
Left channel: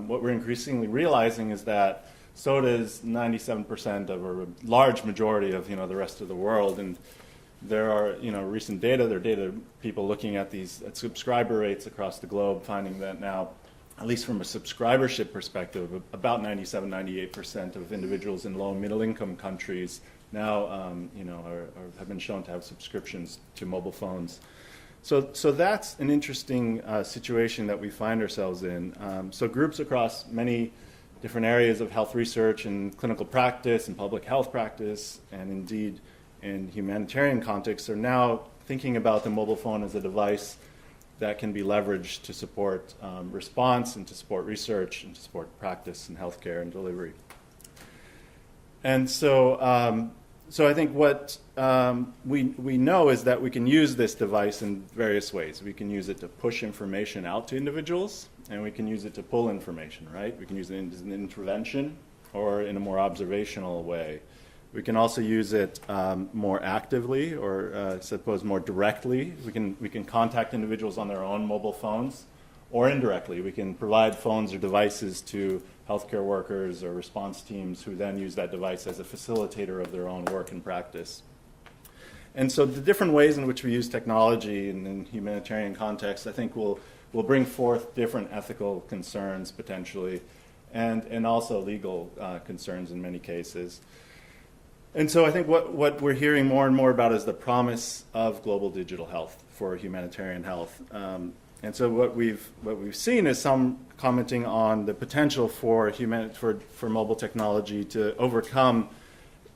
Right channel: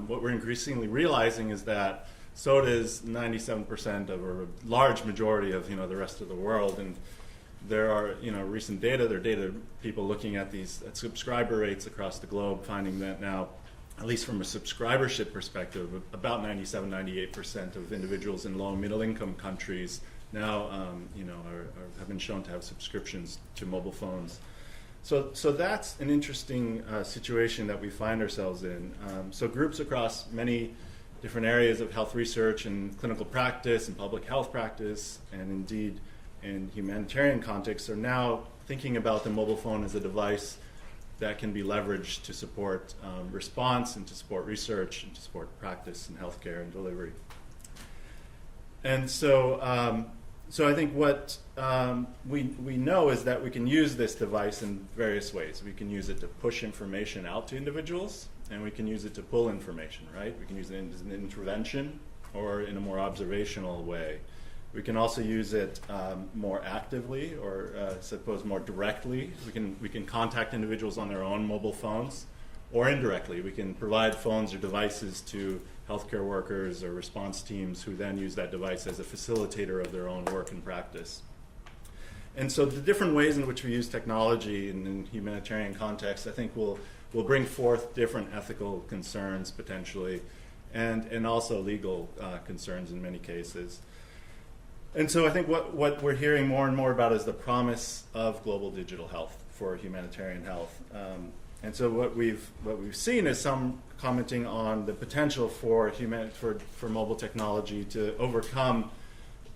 what we're increasingly realizing is that so does 97% of, or a large majority of, the rest of the world. And there are, recent data, there are data people looking at at subscriber rates across the globe, finding that now, at least from a subscribership perspective, about 97-98% of individuals in low and middle income countries now, have been shown to have subscriptions to mobile phones. So that's an interesting situation that we find ourselves in. So groups across many different areas of health research and clinical practice and public health practice, and indeed in humanitarian contexts, are now thinking about the mobile phone as a device that can be leveraged to support response and to support research and to support practice in healthcare and delivery. And so I think what we know is that we can use this device in various ways. We can use it to push information out to individuals, and we can use it to pull information, right? We can use it as an intervention or in a more observational way. We can also use it more actively, or I suppose more directly. We can contact individuals on their own mobile phones, or indirectly. We can provide phones or devices to healthcare workers or response teams who then use that device as a facilitator of their own work and practice. And so the different ways in which we use technology in humanitarian context, I think will bring forth different ethical concerns potentially, and also legal concerns in many cases. And so I think what we're hearing more and more about is the promise of global digital health for humanitarian health. And so what we've seen is some commenting on the potential for mobile technology to overcome,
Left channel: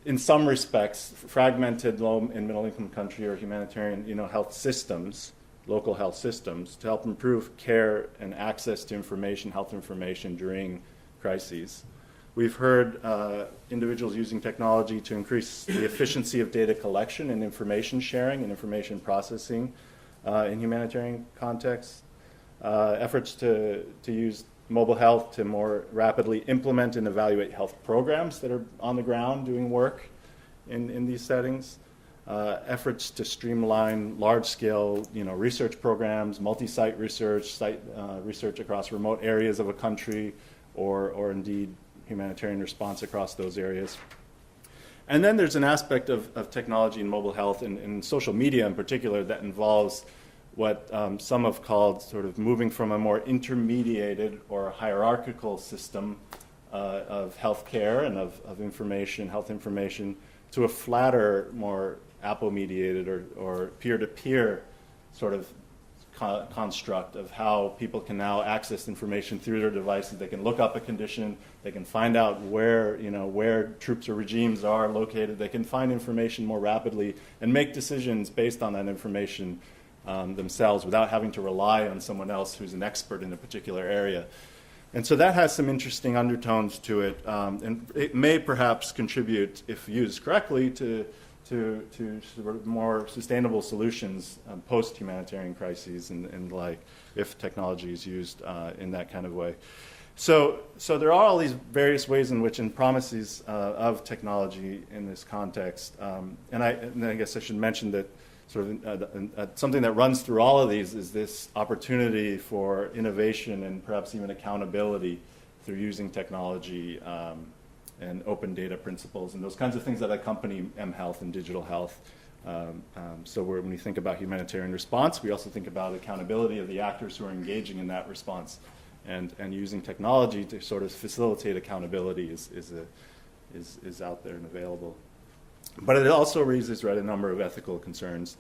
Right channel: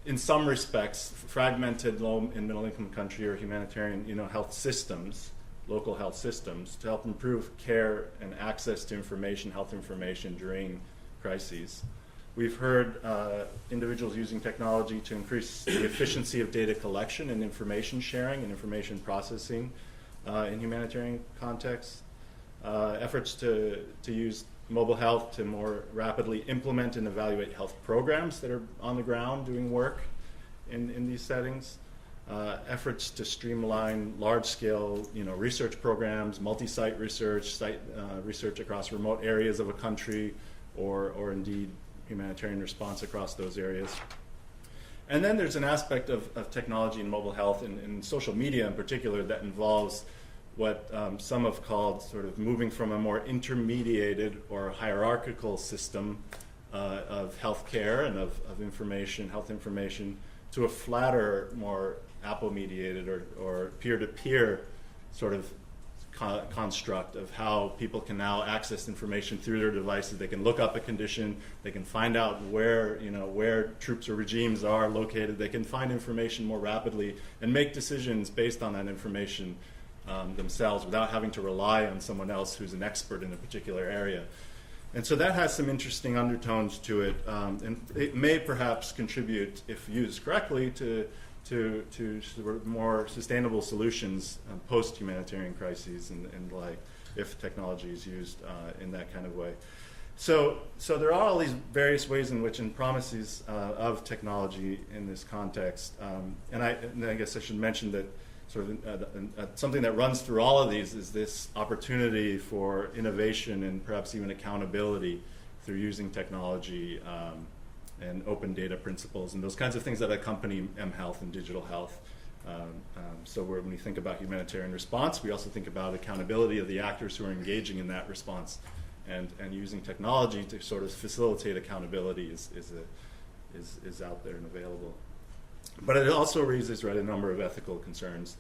in some respects, fragmented low and middle income country or humanitarian health systems, local health systems, to help improve care and access to information, health information during crises. We've heard individuals using technology to increase the efficiency of data collection and information sharing and information processing in humanitarian contexts. Efforts to use mobile health to more rapidly implement and evaluate health programs that are on the ground doing work in these settings. Efforts to streamline large-scale research programs, multi-site research, research across remote areas of a country, or indeed humanitarian response across those areas. And then there's an aspect of technology and mobile health and social media in particular that involves what some have called sort of moving from a more intermediated or hierarchical system of healthcare and of information, health information, to a flatter, more Apple-mediated or peer-to-peer sort of construct of how people can now access information through their devices. They can look up a condition. They can find out where troops or regimes are located. They can find information more rapidly and make decisions based on that information themselves without having to rely on someone else who's an expert in a particular area. And so that has some interesting undertones to it, and it may perhaps contribute, if used correctly, to sort of more sustainable solutions post-humanitarian crises and like if technology is used in that kind of way. So there are all these various ways in which, and promises of technology in this context. And I guess I should mention that sort of something that runs through all of these is this opportunity for innovation and perhaps even accountability through using technology and open data principles and those kinds of things that accompany mHealth and digital health. So when we think about humanitarian response, we also think about accountability of the actors who are engaging in that response, and using technology to sort of facilitate accountability is out there and available. But it also raises a number of ethical concerns.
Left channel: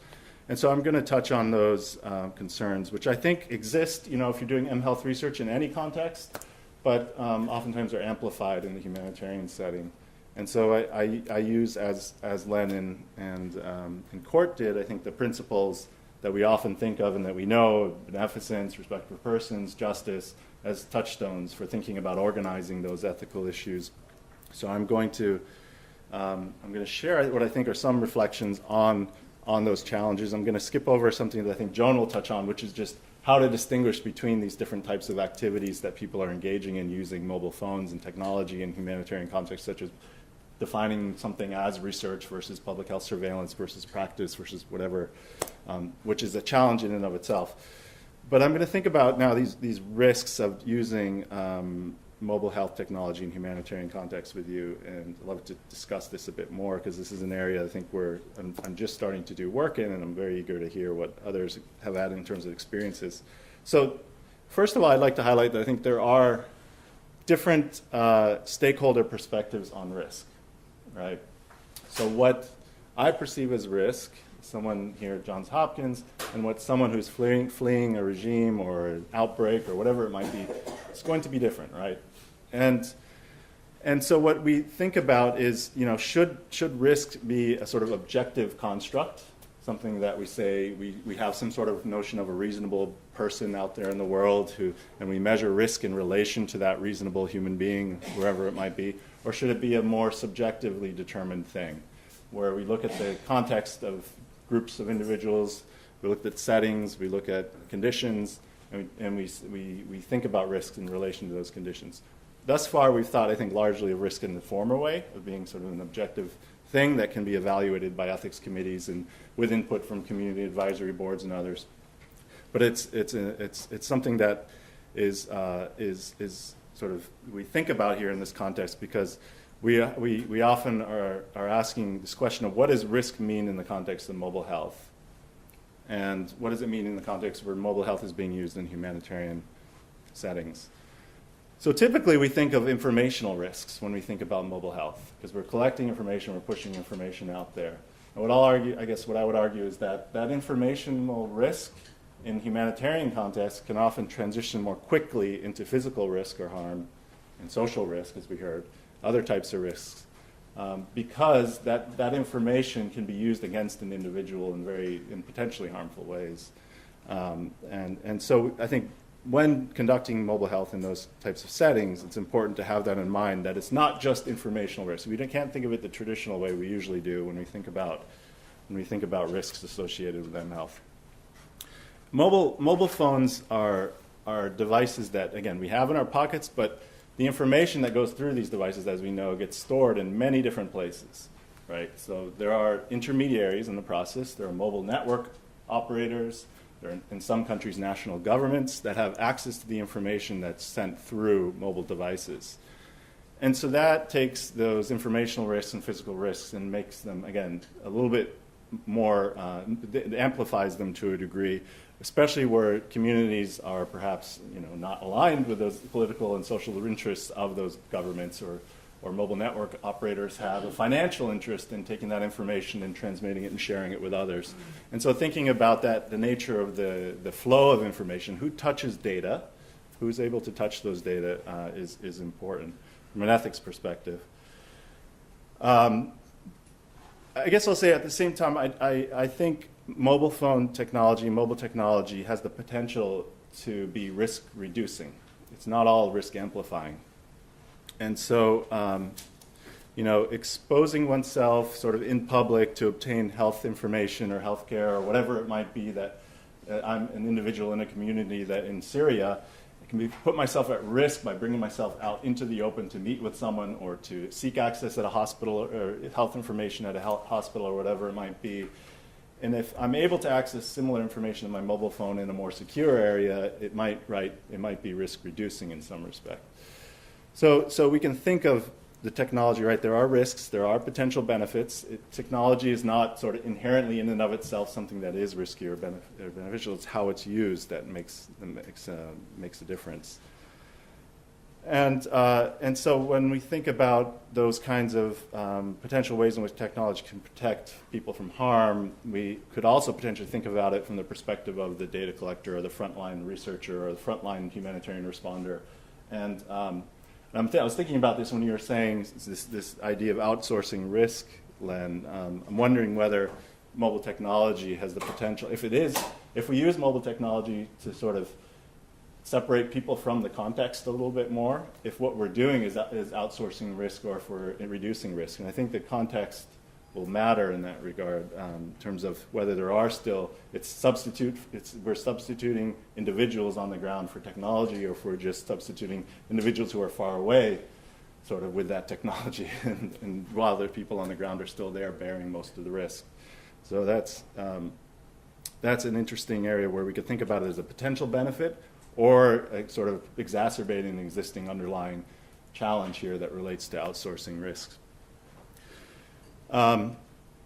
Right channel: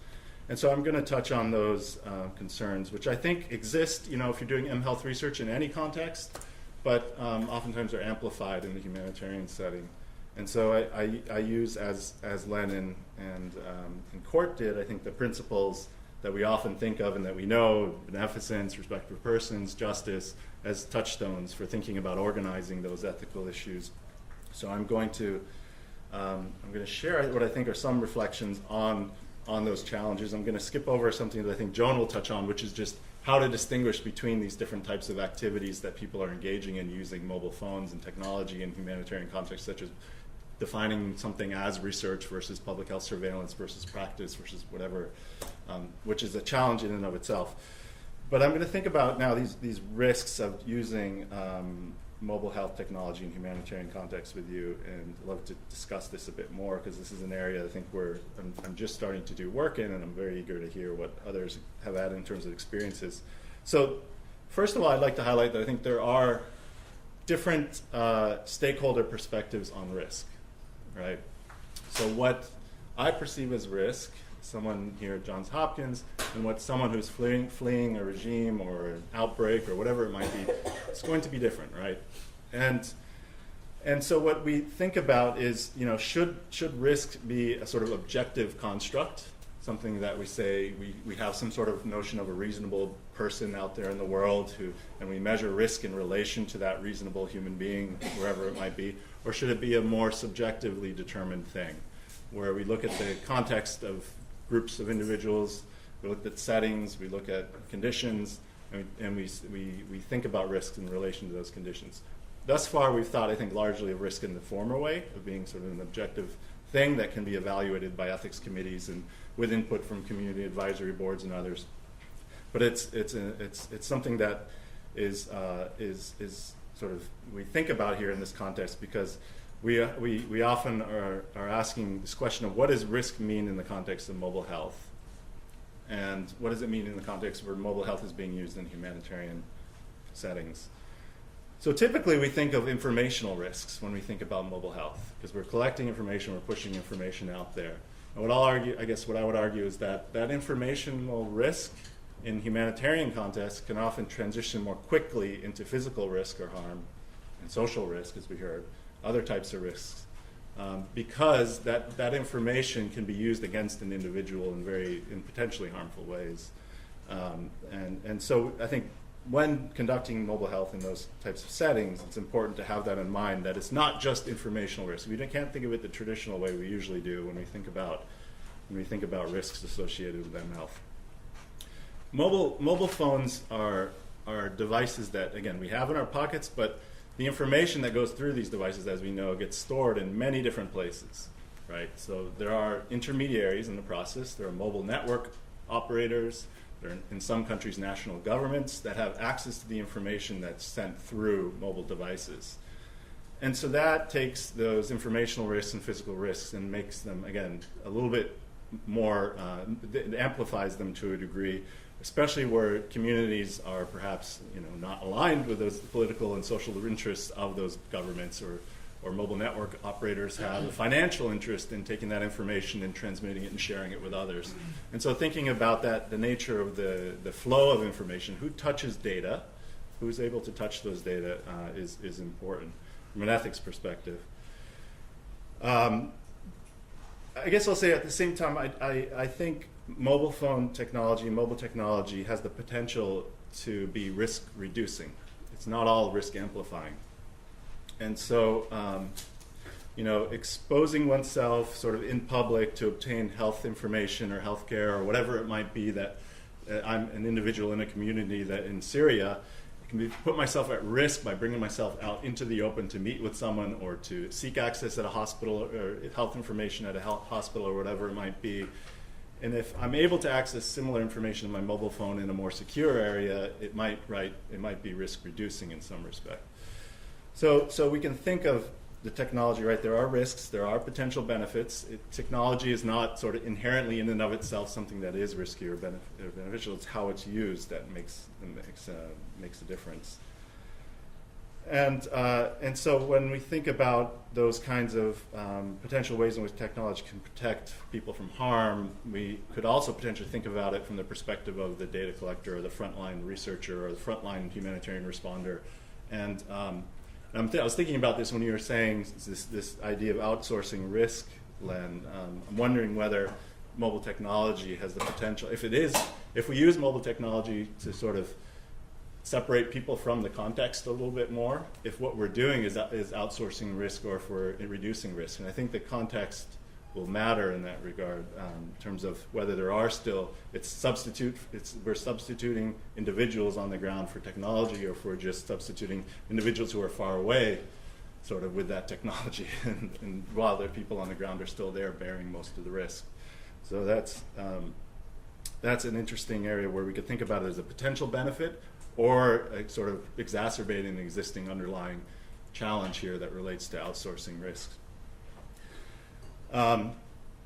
And so I'm going to touch on those concerns, which I think exist, if you're doing mHealth research in any context, but oftentimes are amplified in the humanitarian setting. And so I use, as Len and Court did, I think the principles that we often think of and that we know, beneficence, respect for persons, justice, as touchstones for thinking about organizing those ethical issues. So I'm going to share what I think are some reflections on those challenges. I'm going to skip over something that I think Joan will touch on, which is just how to distinguish between these different types of activities that people are engaging in using mobile phones and technology in humanitarian contexts, such as defining something as research versus public health surveillance versus practice versus whatever, which is a challenge in and of itself. But I'm going to think about now these risks of using mobile health technology in humanitarian contexts with you, and I'd love to discuss this a bit more because this is an area I think where I'm just starting to do work in, and I'm very eager to hear what others have had in terms of experiences. So first of all, I'd like to highlight that I think there are different stakeholder perspectives on risk, right? So what I perceive as risk, someone here at Johns Hopkins, and what someone who's fleeing a regime or an outbreak or whatever it might be, it's going to be different, right? And And so what we think about is, should risk be a sort of objective construct, something that we say we have some sort of notion of a reasonable person out there in the world and we measure risk in relation to that reasonable human being, whoever it might be, or should it be a more subjectively determined thing, where we look at the context of groups of individuals, we look at settings, we look at conditions, and we think about risk in relation to those conditions. Thus far, we've thought, I think, largely of risk in the former way, of being sort of an objective thing that can be evaluated by ethics committees and with input from community advisory boards and others. But it's something that is sort of we think about here in this context because we often are asking this question of what does risk mean in the context of mobile health, and what does it mean in the context where mobile health is being used in humanitarian settings. So typically we think of informational risks when we think about mobile health, because we're collecting information, we're pushing information out there. And what I would argue is that informational risk in humanitarian contexts can often transition more quickly into physical risk or harm and social risk, as we heard, other types of risks, because that information can be used against an individual in potentially harmful ways. And so I think when conducting mobile health in those types of settings, it's important to have that in mind, that it's not just informational risk. We can't think of it the traditional way we usually do when we think about risks associated with health. Mobile phones are devices that, again, we have in our pockets, but the information that goes through these devices, as we know, gets stored in many different places, right? So there are intermediaries in the process. There are mobile network operators. There are, in some countries, national governments that have access to the information that's sent through mobile devices. And so that takes those informational risks and physical risks and makes them, again, a little bit more, amplifies them to a degree, especially where communities are perhaps not aligned with those political and social interests of those governments, or mobile network operators have a financial interest in taking that information and transmitting it and sharing it with others. And so thinking about that, the nature of the flow of information, who touches data, who's able to touch those data is important from an ethics perspective. I guess I'll say at the same time, I think mobile technology has the potential to be risk reducing. It's not all risk amplifying. And so, exposing oneself sort of in public to obtain health information or healthcare or whatever it might be, that I'm an individual in a community that in Syria can put myself at risk by bringing myself out into the open to meet with someone or to seek access at a hospital or health information at a health hospital or whatever it might be. And if I'm able to access similar information on my mobile phone in a more secure area, it might be risk reducing in some respect. So we can think of the technology, right? There are risks, there are potential benefits. Technology is not sort of inherently in and of itself something that is risky or beneficial. It's how it's used that makes a difference. And so when we think about those kinds of potential ways in which technology can protect people from harm, we could also potentially think about it from the perspective of the data collector or the frontline researcher or the frontline humanitarian responder. And I was thinking about this when you were saying this idea of outsourcing risk, Len. I'm wondering whether mobile technology has the potential, if we use mobile technology to sort of separate people from the context a little bit more, if what we're doing is outsourcing risk or if we're reducing risk. And I think the context will matter in that regard in terms of whether there are still, we're substituting individuals on the ground for technology, or if we're just substituting individuals who are far away sort of with that technology and while the people on the ground are still there bearing most of the risk. So that's an interesting area where we could think about it as a potential benefit or sort of exacerbating an existing underlying challenge here that relates to outsourcing risks.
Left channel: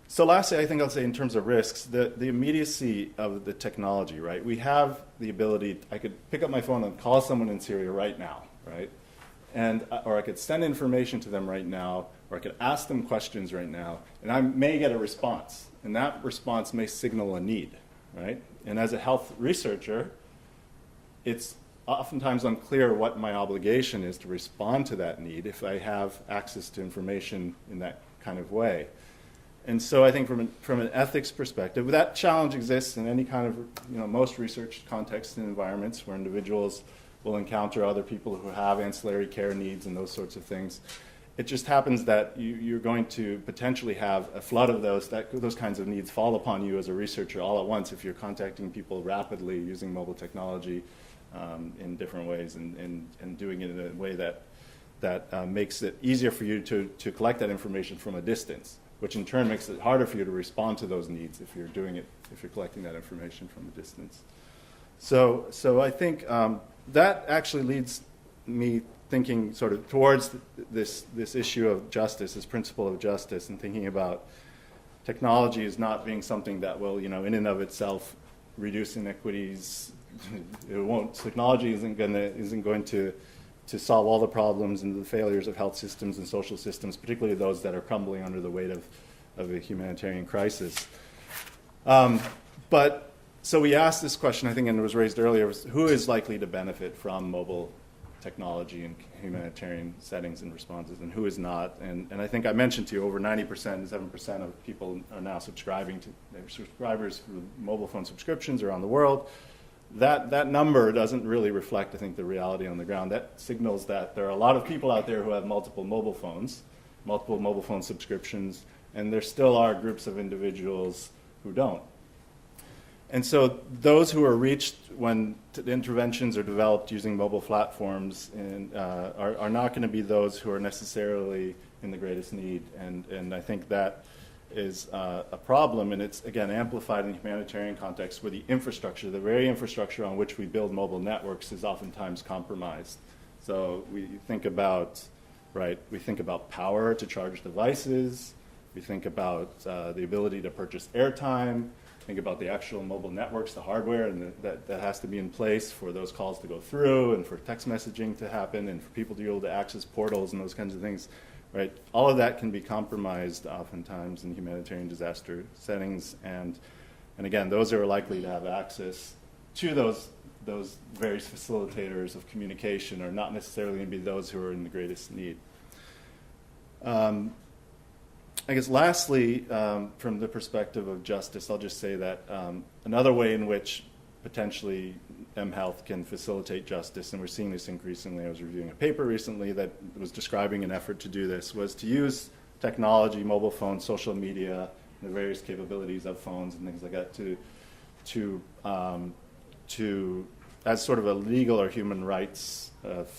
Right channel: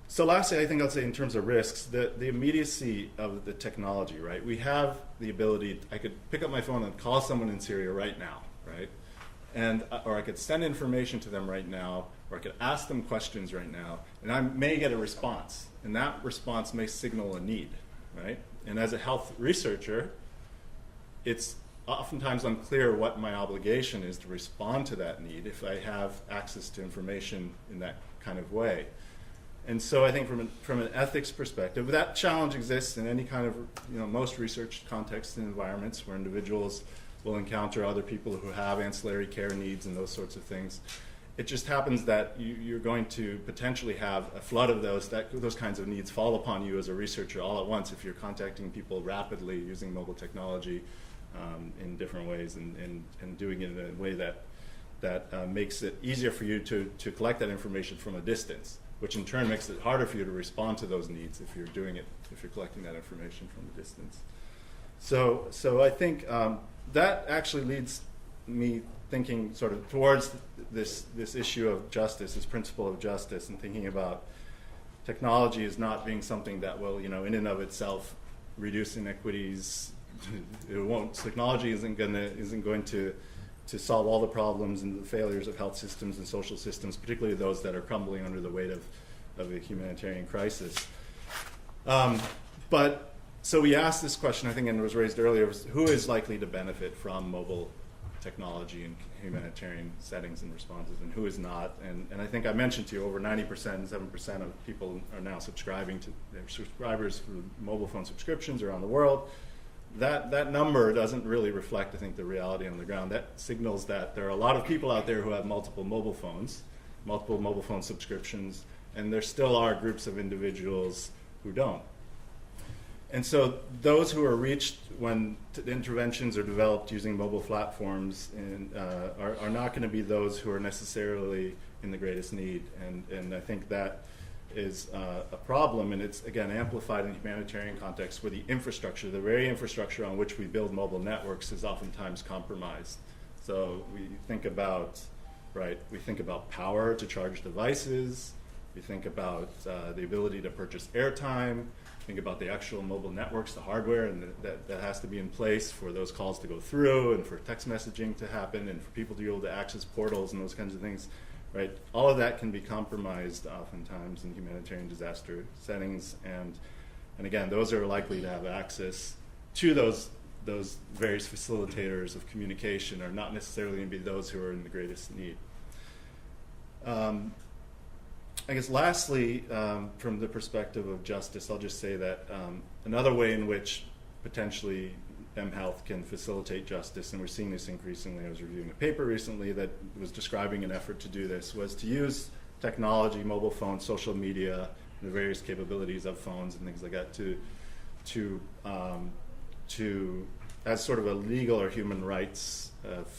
So lastly, I think I'll say in terms of risks, the immediacy of the technology, right? We have the ability, I could pick up my phone and call someone in Syria right now, right? Or I could send information to them right now, or I could ask them questions right now, and I may get a response, and that response may signal a need, right? And as a health researcher, it's oftentimes unclear what my obligation is to respond to that need if I have access to information in that kind of way. And so I think from an ethics perspective, that challenge exists in any kind of, most research contexts and environments where individuals will encounter other people who have ancillary care needs and those sorts of things. It just happens that you're going to potentially have a flood of those kinds of needs fall upon you as a researcher all at once if you're contacting people rapidly using mobile technology in different ways and doing it in a way that makes it easier for you to collect that information from a distance, which in turn makes it harder for you to respond to those needs if you're collecting that information from a distance. So I think that actually leads me thinking sort of towards this issue of justice, this principle of justice, and thinking about technology as not being something that will, in and of itself, reduce inequities. It won't. Technology isn't going to solve all the problems and the failures of health systems and social systems, particularly those that are crumbling under the weight of a humanitarian crisis. But so we asked this question, I think, and it was raised earlier, who is likely to benefit from mobile technology in humanitarian settings and responses, and who is not? And I think I mentioned to you over 90%, 7% of people are now subscribing to their subscribers for mobile phone subscriptions around the world. That number doesn't really reflect, I think, the reality on the ground. That signals that there are a lot of people out there who have multiple mobile phone subscriptions, and there still are groups of individuals who don't. And so those who are reached when interventions are developed using mobile platforms are not going to be those who are necessarily in the greatest need. And I think that is a problem, and it's, again, amplified in humanitarian contexts where the very infrastructure on which we build mobile networks is oftentimes compromised. So we think about power to charge devices, we think about the ability to purchase airtime, think about the actual mobile networks, the hardware, and that has to be in place for those calls to go through and for text messaging to happen and for people to be able to access portals and those kinds of things. Right, all of that can be compromised oftentimes in humanitarian disaster settings, and again, those who are likely to have access to those various facilitators of communication are not necessarily going to be those who are in the greatest need. I guess lastly, from the perspective of justice, I'll just say that another way in which potentially mHealth can facilitate justice, and we're seeing this increasingly. I was reviewing a paper recently that was describing an effort to do this, was to use technology, mobile phones, social media, the various capabilities of phones and things like that to as sort of a legal or human rights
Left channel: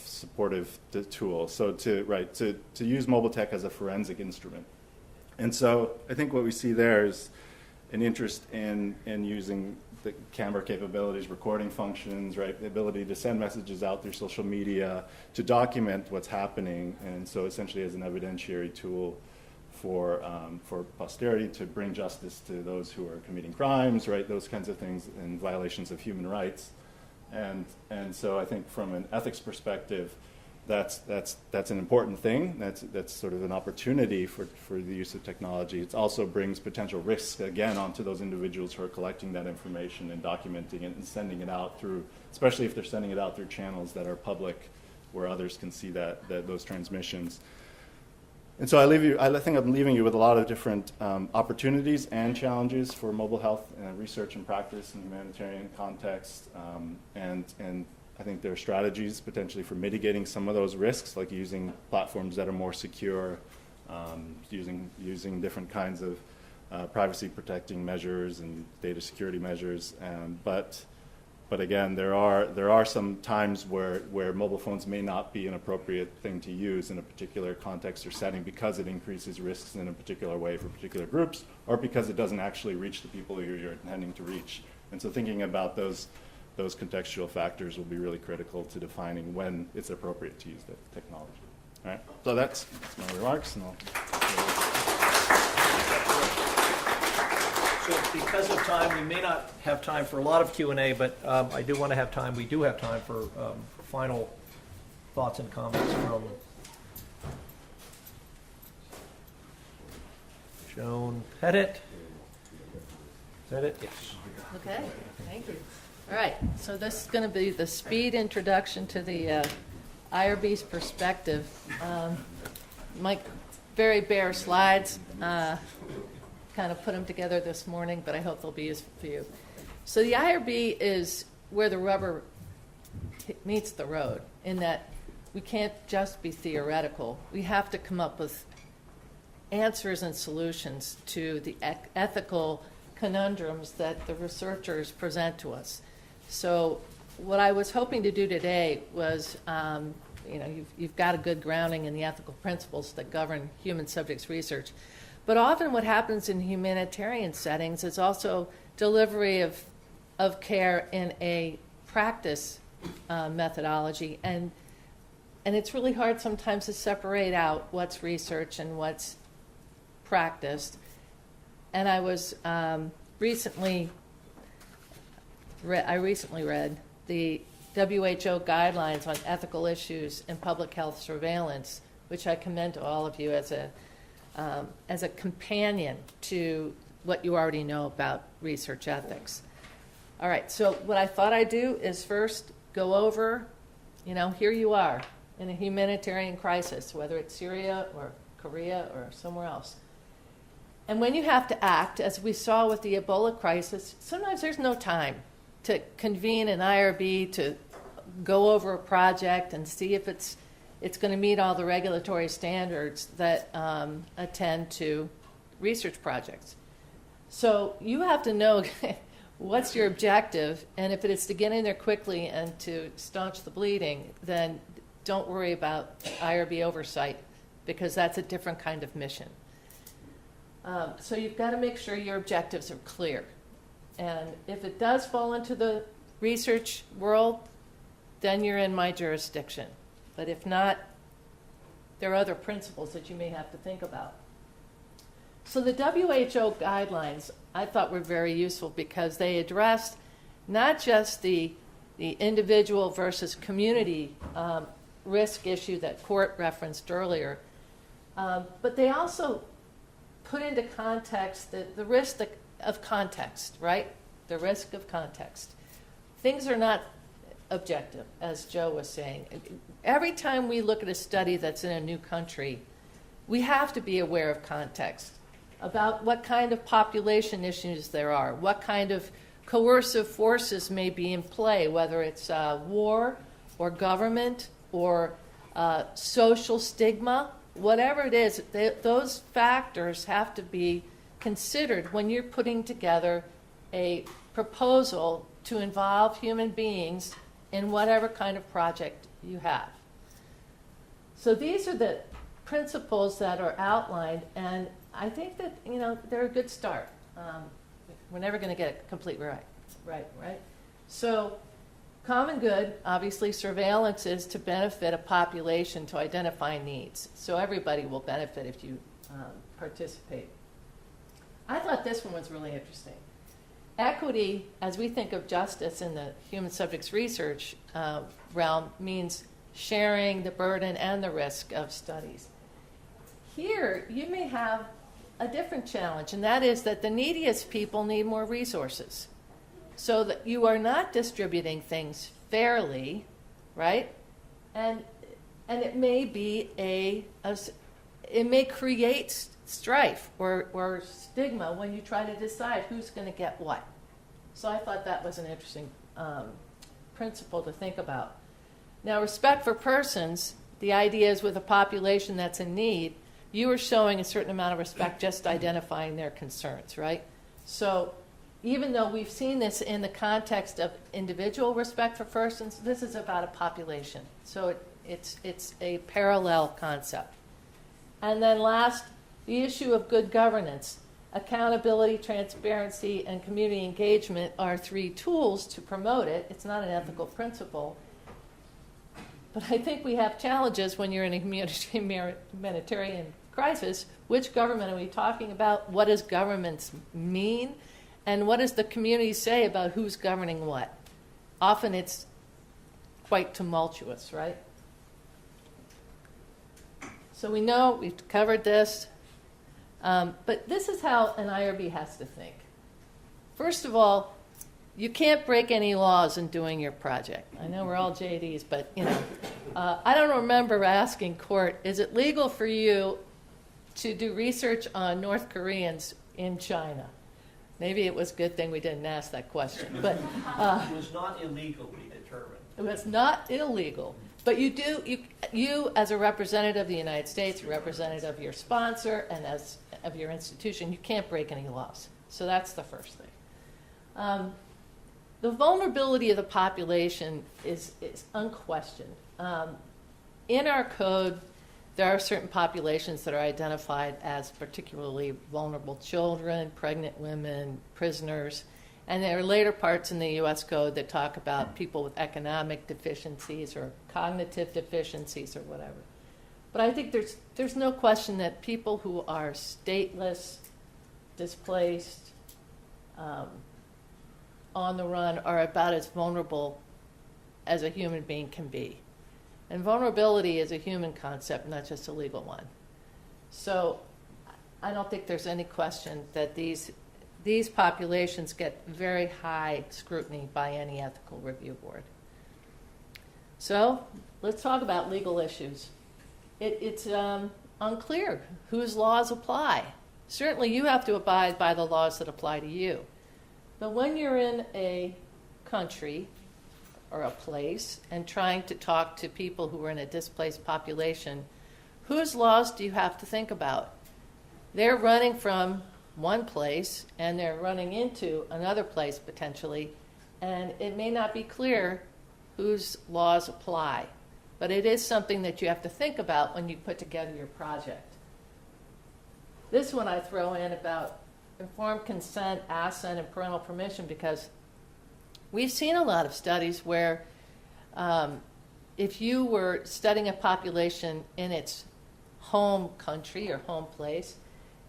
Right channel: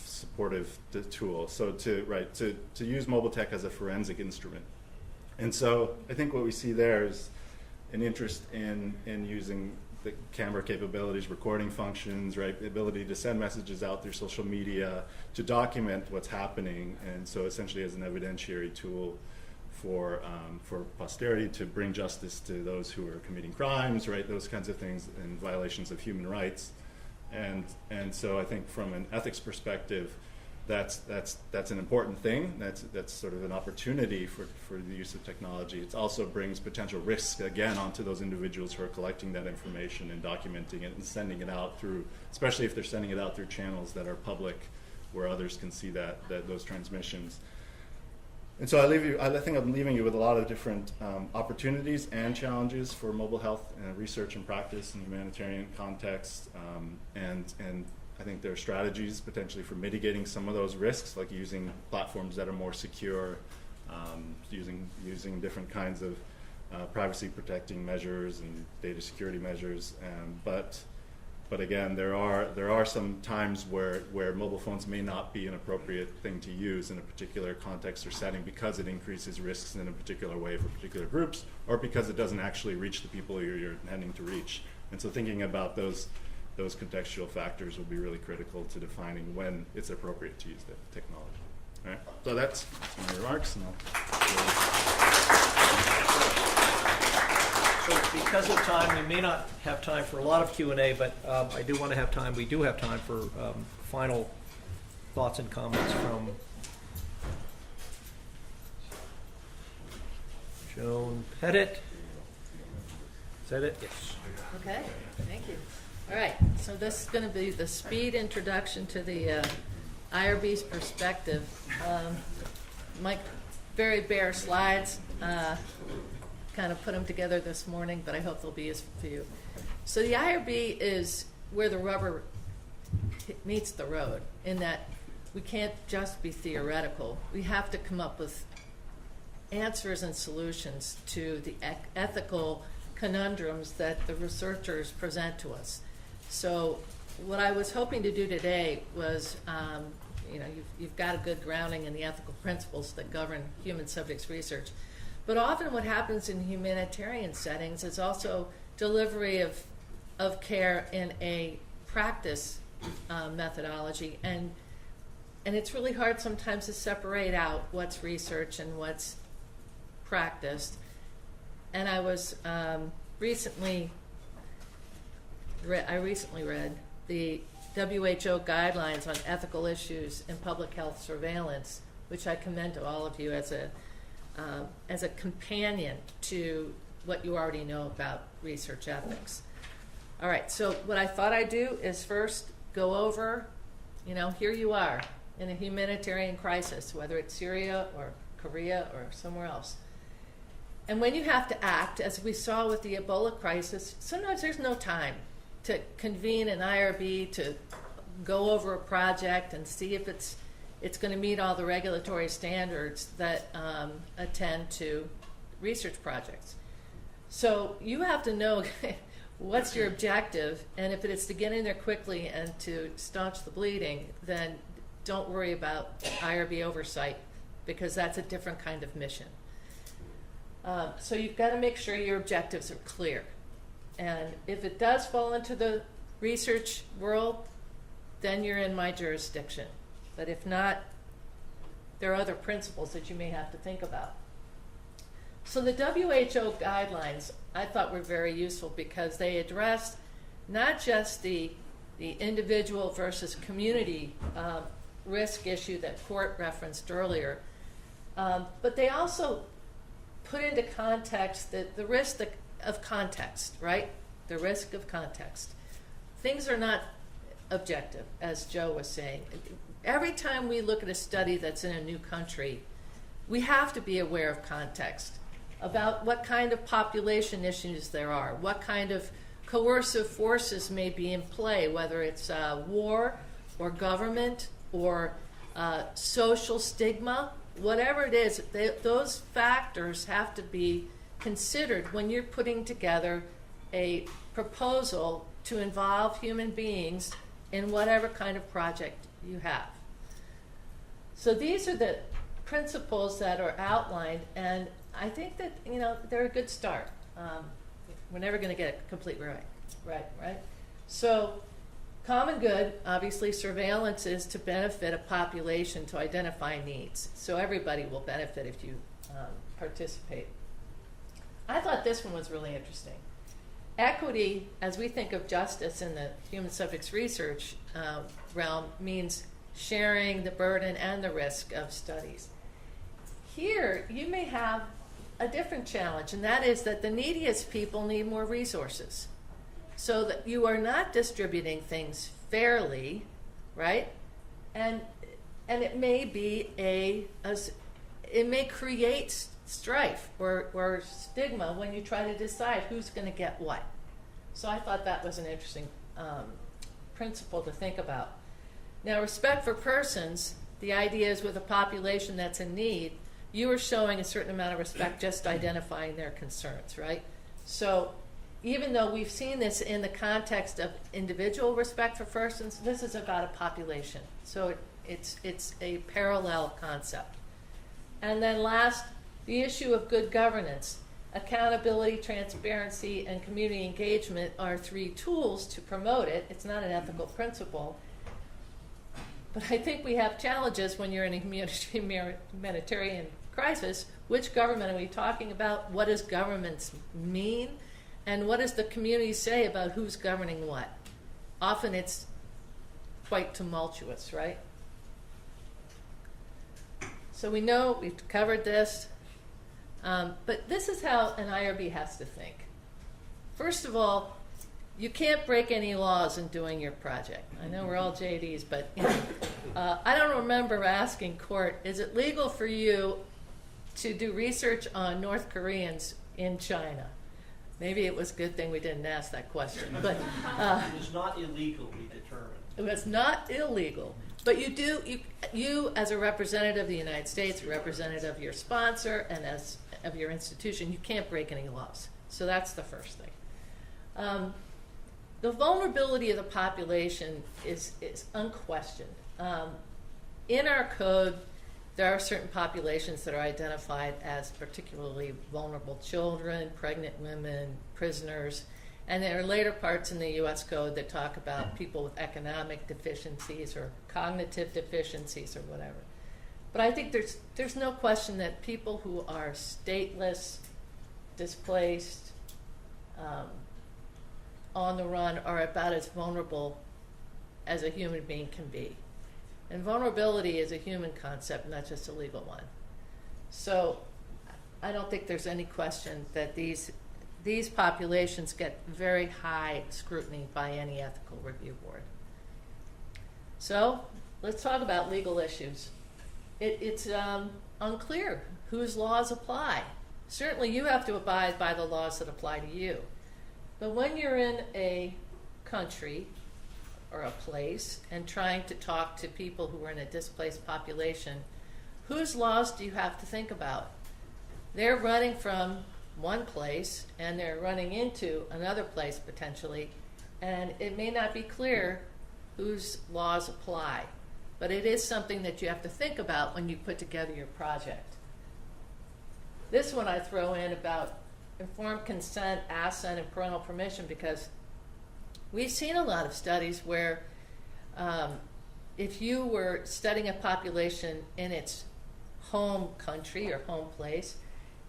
supportive tool. So to use mobile tech as a forensic instrument. And so I think what we see there is an interest in using the camera capabilities, recording functions, right, the ability to send messages out through social media, to document what's happening, and so essentially as an evidentiary tool for posterity to bring justice to those who are committing crimes, right, those kinds of things, and violations of human rights. And so I think from an ethics perspective, that's an important thing. That's sort of an opportunity for the use of technology. It also brings potential risks, again, onto those individuals who are collecting that information and documenting it and sending it out through, especially if they're sending it out through channels that are public where others can see those transmissions. And so I think I'm leaving you with a lot of different opportunities and challenges for mobile health research and practice in humanitarian context, and I think there are strategies potentially for mitigating some of those risks, like using platforms that are more secure, using different kinds of privacy protecting measures and data security measures. But again, there are some times where mobile phones may not be an appropriate thing to use in a particular context or setting because it increases risks in a particular way for particular groups, or because it doesn't actually reach the people who you're intending to reach. And so thinking about those contextual factors will be really critical to defining when it's appropriate to use the technology. All right, so that's my remarks. So because of time, we may not have time for a lot of Q&A, but I do want to have time. We do have time for final thoughts and comments from Joan Pettit. Is that it? Yes. Okay, thank you. All right, so this is going to be the speed introduction to the IRB's perspective. My very bare slides, kind of put them together this morning, but I hope they'll be useful for you. So the IRB is where the rubber meets the road, in that we can't just be theoretical. We have to come up with answers and solutions to the ethical conundrums that the researchers present to us. So what I was hoping to do today was, you've got a good grounding in the ethical principles that govern human subjects research. But often what happens in humanitarian settings is also delivery of care in a practice methodology. And it's really hard sometimes to separate out what's research and what's practiced. And I was recently read the WHO guidelines on ethical issues in public health surveillance, which I commend to all of you as a companion to what you already know about research ethics. All right, so what I thought I'd do is first go over, here you are in a humanitarian crisis, whether it's Syria or Korea or somewhere else. And when you have to act, as we saw with the Ebola crisis, sometimes there's no time to convene an IRB to go over a project and see if it's going to meet all the regulatory standards that attend to research projects. So you have to know what's your objective, and if it is to get in there quickly and to staunch the bleeding, then don't worry about IRB oversight, because that's a different kind of mission. So you've got to make sure your objectives are clear. And if it does fall into the research world, then you're in my jurisdiction. But if not, there are other principles that you may have to think about. So the WHO guidelines I thought were very useful because they addressed not just the individual versus community risk issue that Court referenced earlier, but they also put into context the risk of context, right? The risk of context. Things are not objective, as Joe was saying. Every time we look at a study that's in a new country, we have to be aware of context, about what kind of population issues there are, what kind of coercive forces may be in play, whether it's war or government or social stigma, whatever it is, those factors have to be considered when you're putting together a proposal to involve human beings in whatever kind of project you have. So these are the principles that are outlined, and I think that they're a good start. We're never going to get it completely right. So common good, obviously, surveillance is to benefit a population to identify needs. So everybody will benefit if you participate. I thought this one was really interesting. Equity, as we think of justice in the human subjects research realm, means sharing the burden and the risk of studies. Here, you may have a different challenge, and that is that the neediest people need more resources. So that you are not distributing things fairly, right? And it may be it may create strife or stigma when you try to decide who's going to get what. So I thought that was an interesting principle to think about. Now, respect for persons, the idea is with a population that's in need, you are showing a certain amount of respect just identifying their concerns, right? So even though we've seen this in the context of individual respect for persons, this is about a population. So it's a parallel concept. And then last, the issue of good governance. Accountability, transparency, and community engagement are three tools to promote it. It's not an ethical principle. But I think we have challenges when you're in a humanitarian crisis. Which government are we talking about? What does governments mean? And what does the community say about who's governing what? Often it's quite tumultuous, right? So we know we've covered this. But this is how an IRB has to think. First of all, you can't break any laws in doing your project. I know we're all JDs, but I don't remember asking Court, is it legal for you to do research on North Koreans in China? Maybe it was a good thing we didn't ask that question. But It was not illegal, we determined. it was not illegal. But you as a representative of the United States, a representative of your sponsor, and as of your institution, you can't break any laws. So that's the first thing. The vulnerability of the population is unquestioned. In our code, there are certain populations that are identified as particularly vulnerable: children, pregnant women, prisoners. And there are later parts in the U.S. Code that talk about people with economic deficiencies or cognitive deficiencies or whatever. But I think there's no question that people who are stateless, displaced, on the run are about as vulnerable as a human being can be. And vulnerability is a human concept, not just a legal one. So I don't think there's any question that these populations get very high scrutiny by any ethical review board. So let's talk about legal issues. It's unclear whose laws apply. Certainly you have to abide by the laws that apply to you. But when you're in a country or a place and trying to talk to people who are in a displaced population, whose laws do you have to think about? They're running from one place and they're running into another place potentially, and it may not be clear whose laws apply. But it is something that you have to think about when you put together your project. This one I throw in about informed consent, assent, and parental permission, because we've seen a lot of studies where if you were studying a population in its home country or home place,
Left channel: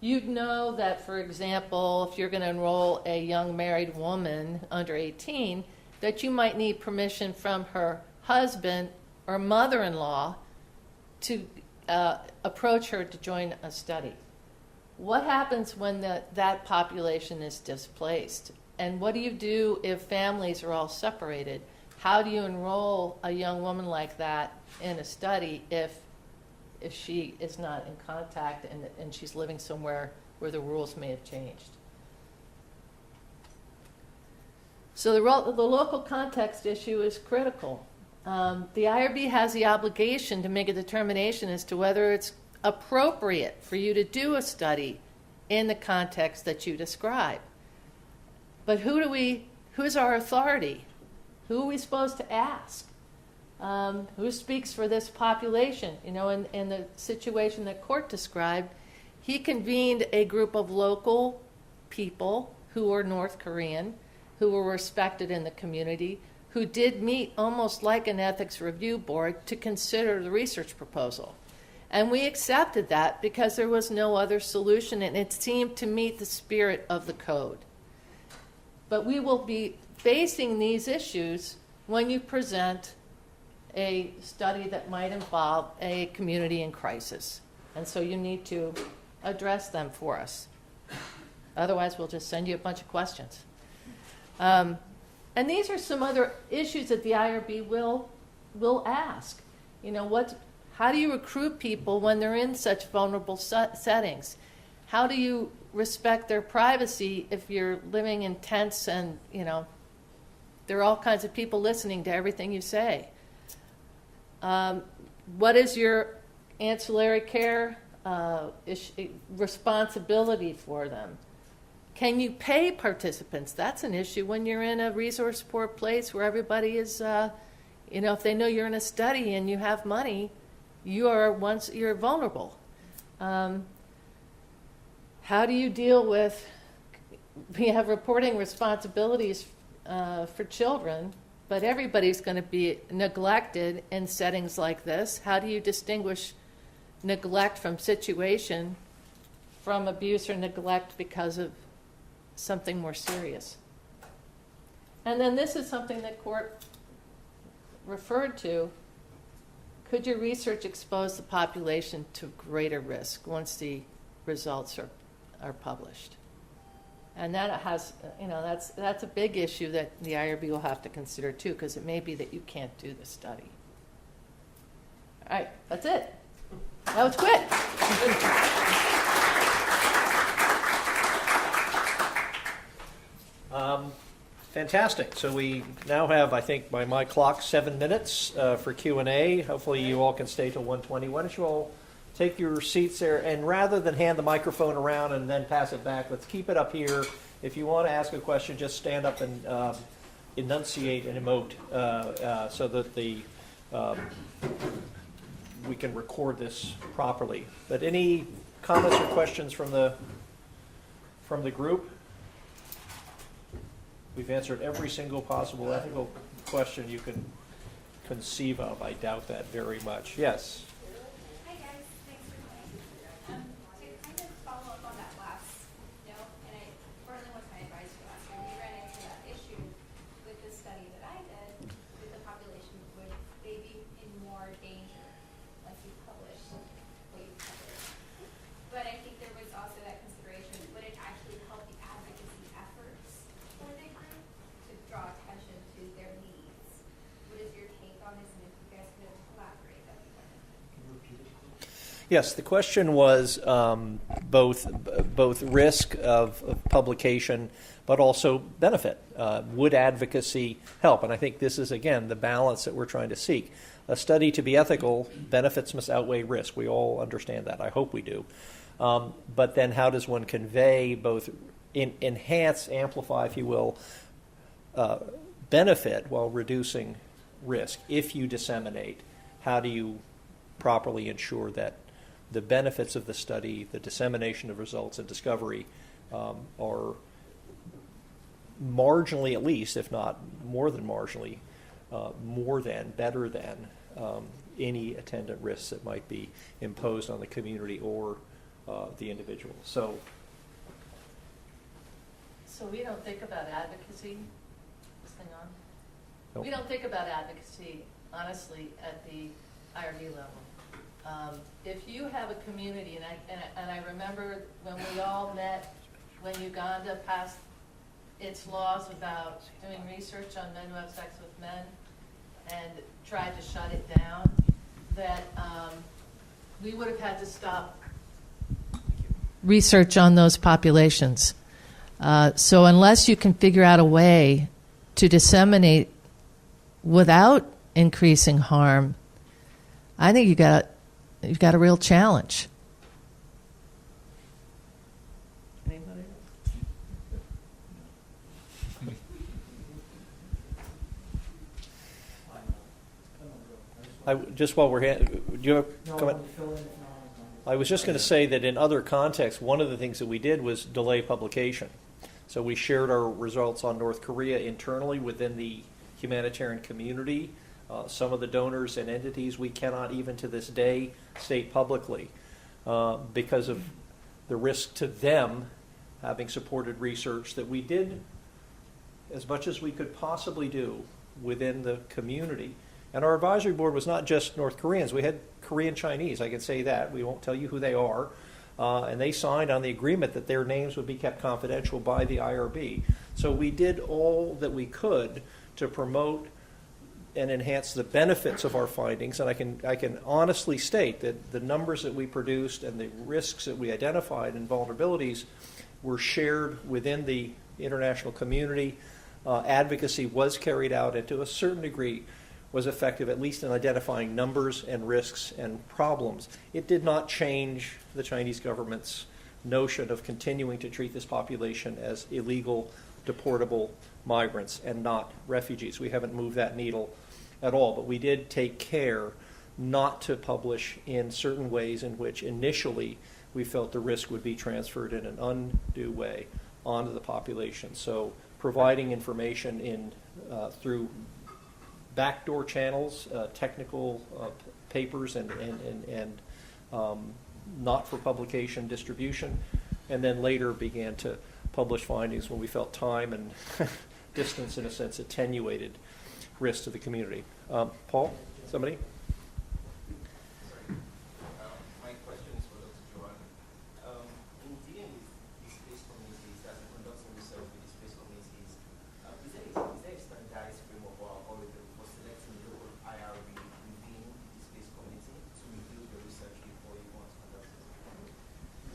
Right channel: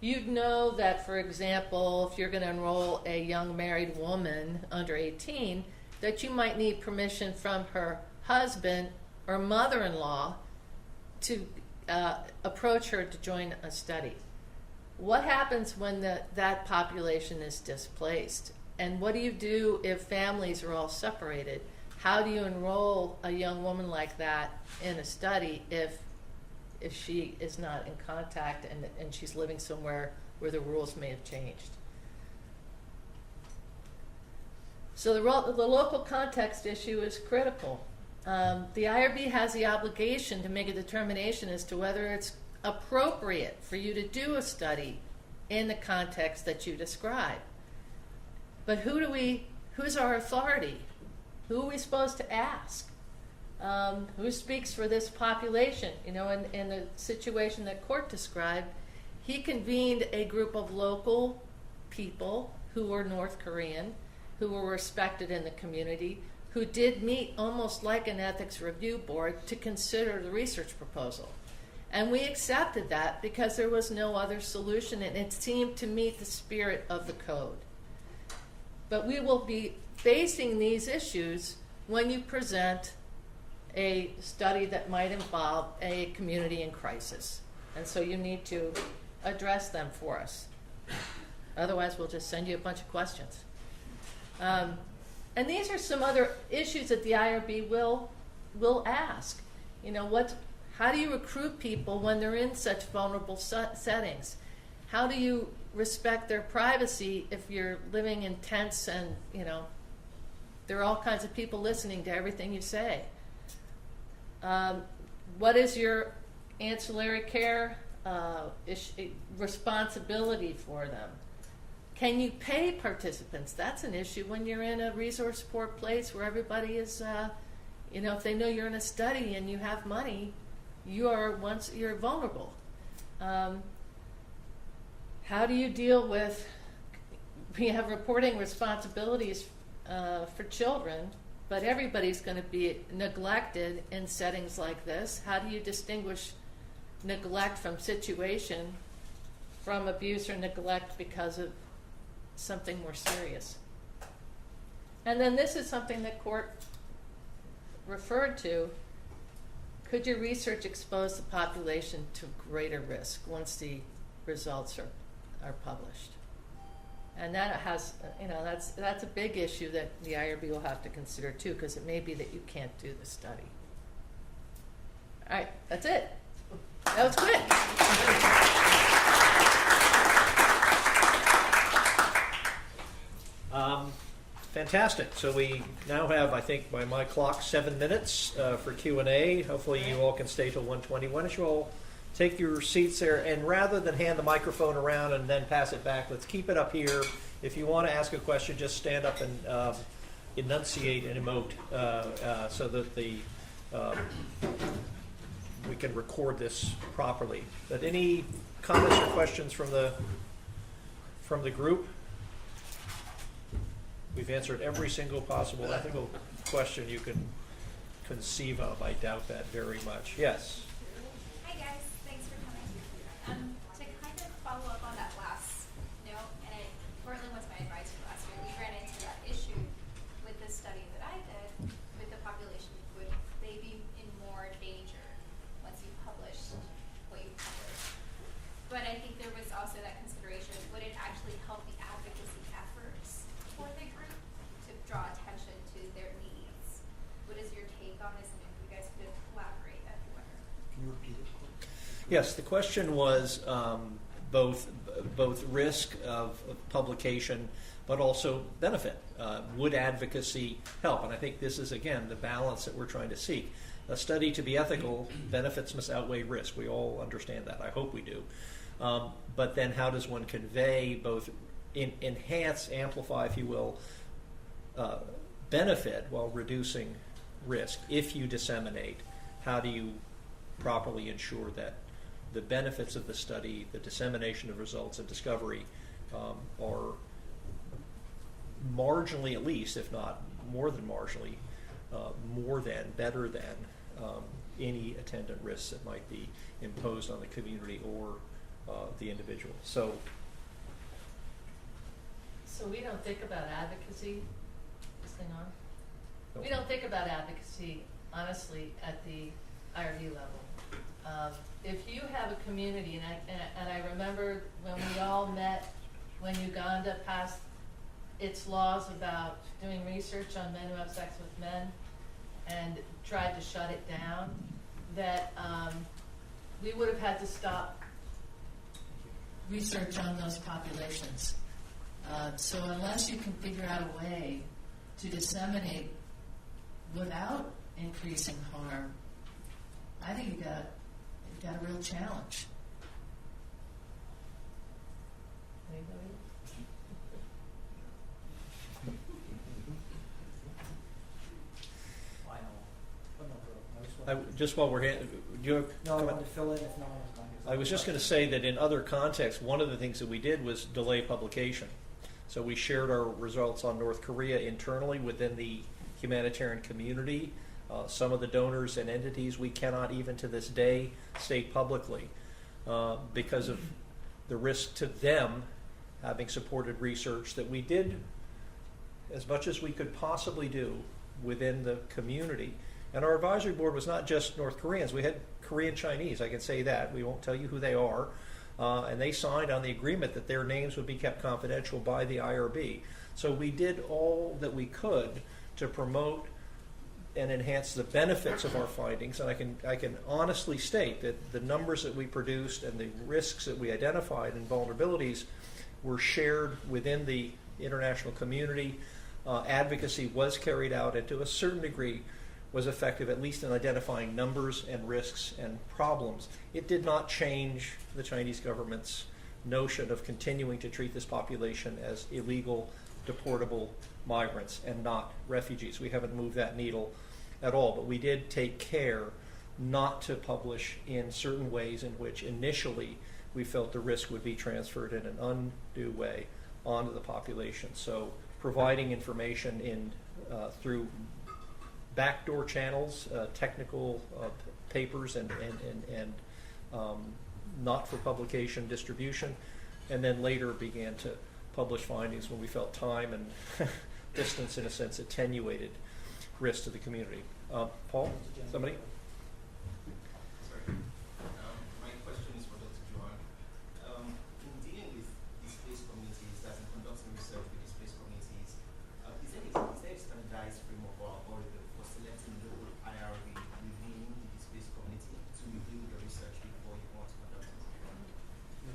you'd know that, for example, if you're going to enroll a young married woman under 18, that you might need permission from her husband or mother-in-law to approach her to join a study. What happens when that population is displaced? And what do you do if families are all separated? How do you enroll a young woman like that in a study if she is not in contact and she's living somewhere where the rules may have changed? So the local context issue is critical. The IRB has the obligation to make a determination as to whether it's appropriate for you to do a study in the context that you describe. But who's our authority? Who are we supposed to ask? Who speaks for this population? You know, in the situation that Court described, he convened a group of local people who were North Korean, who were respected in the community, who did meet almost like an ethics review board to consider the research proposal. And we accepted that because there was no other solution, and it seemed to meet the spirit of the code. But we will be facing these issues when you present a study that might involve a community in crisis. And so you need to address them for us. Otherwise, we'll just send you a bunch of questions. And these are some other issues that the IRB will ask. You know, how do you recruit people when they're in such vulnerable settings? How do you respect their privacy if you're living in tents and, you know, there are all kinds of people listening to everything you say? What is your ancillary care responsibility for them? Can you pay participants? That's an issue when you're in a resource-poor place where everybody is, you know, if they know you're in a study and you have money, you're vulnerable. How do you deal with, we have reporting responsibilities for children, but everybody's going to be neglected in settings like this. How do you distinguish neglect from situation from abuse or neglect because of something more serious? And then this is something that Court referred to. Could your research expose the population to greater risk once the results are published? And that has, that's a big issue that the IRB will have to consider too, because it may be that you can't do the study. All right, that's it. That was good. Fantastic. So we now have, I think, by my clock, 7 minutes for Q&A. Hopefully you all can stay till 1:20. Why don't you all take your seats there, and rather than hand the microphone around and then pass it back, let's keep it up here. If you want to ask a question, just stand up and enunciate and emote so that we can record this properly. But any comments or questions from the group? We've answered every single possible ethical question you can conceive of. I doubt that very much. Yes. Hi guys, thanks for coming. To kind of follow up on that last note, and Courtland was my advisor last year, and you ran into that issue with the study that I did with the population. Would they be in more danger once you published what you published? But I think there was also that consideration, would it actually help the advocacy efforts for the group to draw attention to their needs? What is your take on this, and if you guys could elaborate, that'd be wonderful. Yes, the question was both risk of publication, but also benefit. Would advocacy help? And I think this is, again, the balance that we're trying to seek. A study to be ethical, benefits must outweigh risk. We all understand that. I hope we do. But then how does one convey both enhance, amplify, if you will, benefit while reducing risk? If you disseminate, how do you properly ensure that the benefits of the study, the dissemination of results and discovery are marginally, at least, if not more than marginally, better than any attendant risks that might be imposed on the community or the individual. So We don't think about advocacy. This thing on? Nope. We don't think about advocacy, honestly, at the IRB level. If you have a community, and I remember when we all met when Uganda passed its laws about doing research on men who have sex with men and tried to shut it down, that we would have had to stop research on those populations. So unless you can figure out a way to disseminate without increasing harm, I think you've got a real challenge. Just while we're here, do you have a comment? I was just going to say that in other contexts, one of the things that we did was delay publication. So we shared our results on North Korea internally within the humanitarian community. Some of the donors and entities we cannot even to this day state publicly because of the risk to them having supported research that we did as much as we could possibly do within the community. And our advisory board was not just North Koreans. We had Korean Chinese, I can say that. We won't tell you who they are. And they signed on the agreement that their names would be kept confidential by the IRB. So we did all that we could to promote and enhance the benefits of our findings. And I can honestly state that the numbers that we produced and the risks that we identified and vulnerabilities were shared within the international community. Advocacy was carried out, and to a certain degree was effective, at least in identifying numbers and risks and problems. It did not change the Chinese government's notion of continuing to treat this population as illegal, deportable migrants and not refugees. We haven't moved that needle at all, but we did take care not to publish in certain ways in which initially we felt the risk would be transferred in an undue way onto the population. So providing information through backdoor channels, technical papers and not for publication distribution, and then later began to publish findings when we felt time and distance, in a sense, attenuated risk to the community. Paul, somebody? Sorry. My question is for Dr. Joan. In dealing with these space communities that conducting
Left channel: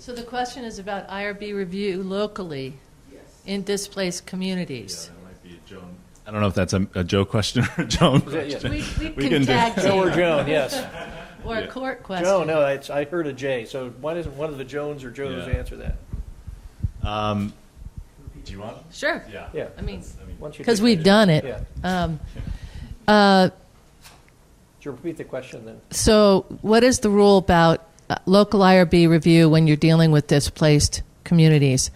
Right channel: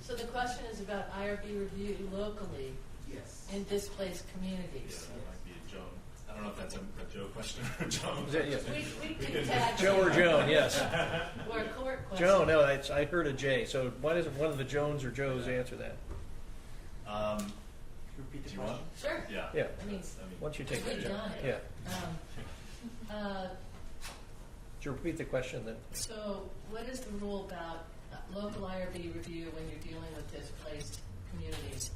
So the question is about IRB review locally in displaced communities. That might be Joan. I don't know if that's a Joe question or a Joan question. We can tag Joe or team. Joan, yes. Or a court question. Joan, no, I heard a J. So why doesn't one of the Jones or Joes Yeah. answer that? Do you want? Sure. Yeah. Yeah. I mean, Once you because pick we've that- done it. Yeah. Uh, Should you repeat the question then? So what is the rule about local IRB review when you're dealing with displaced communities?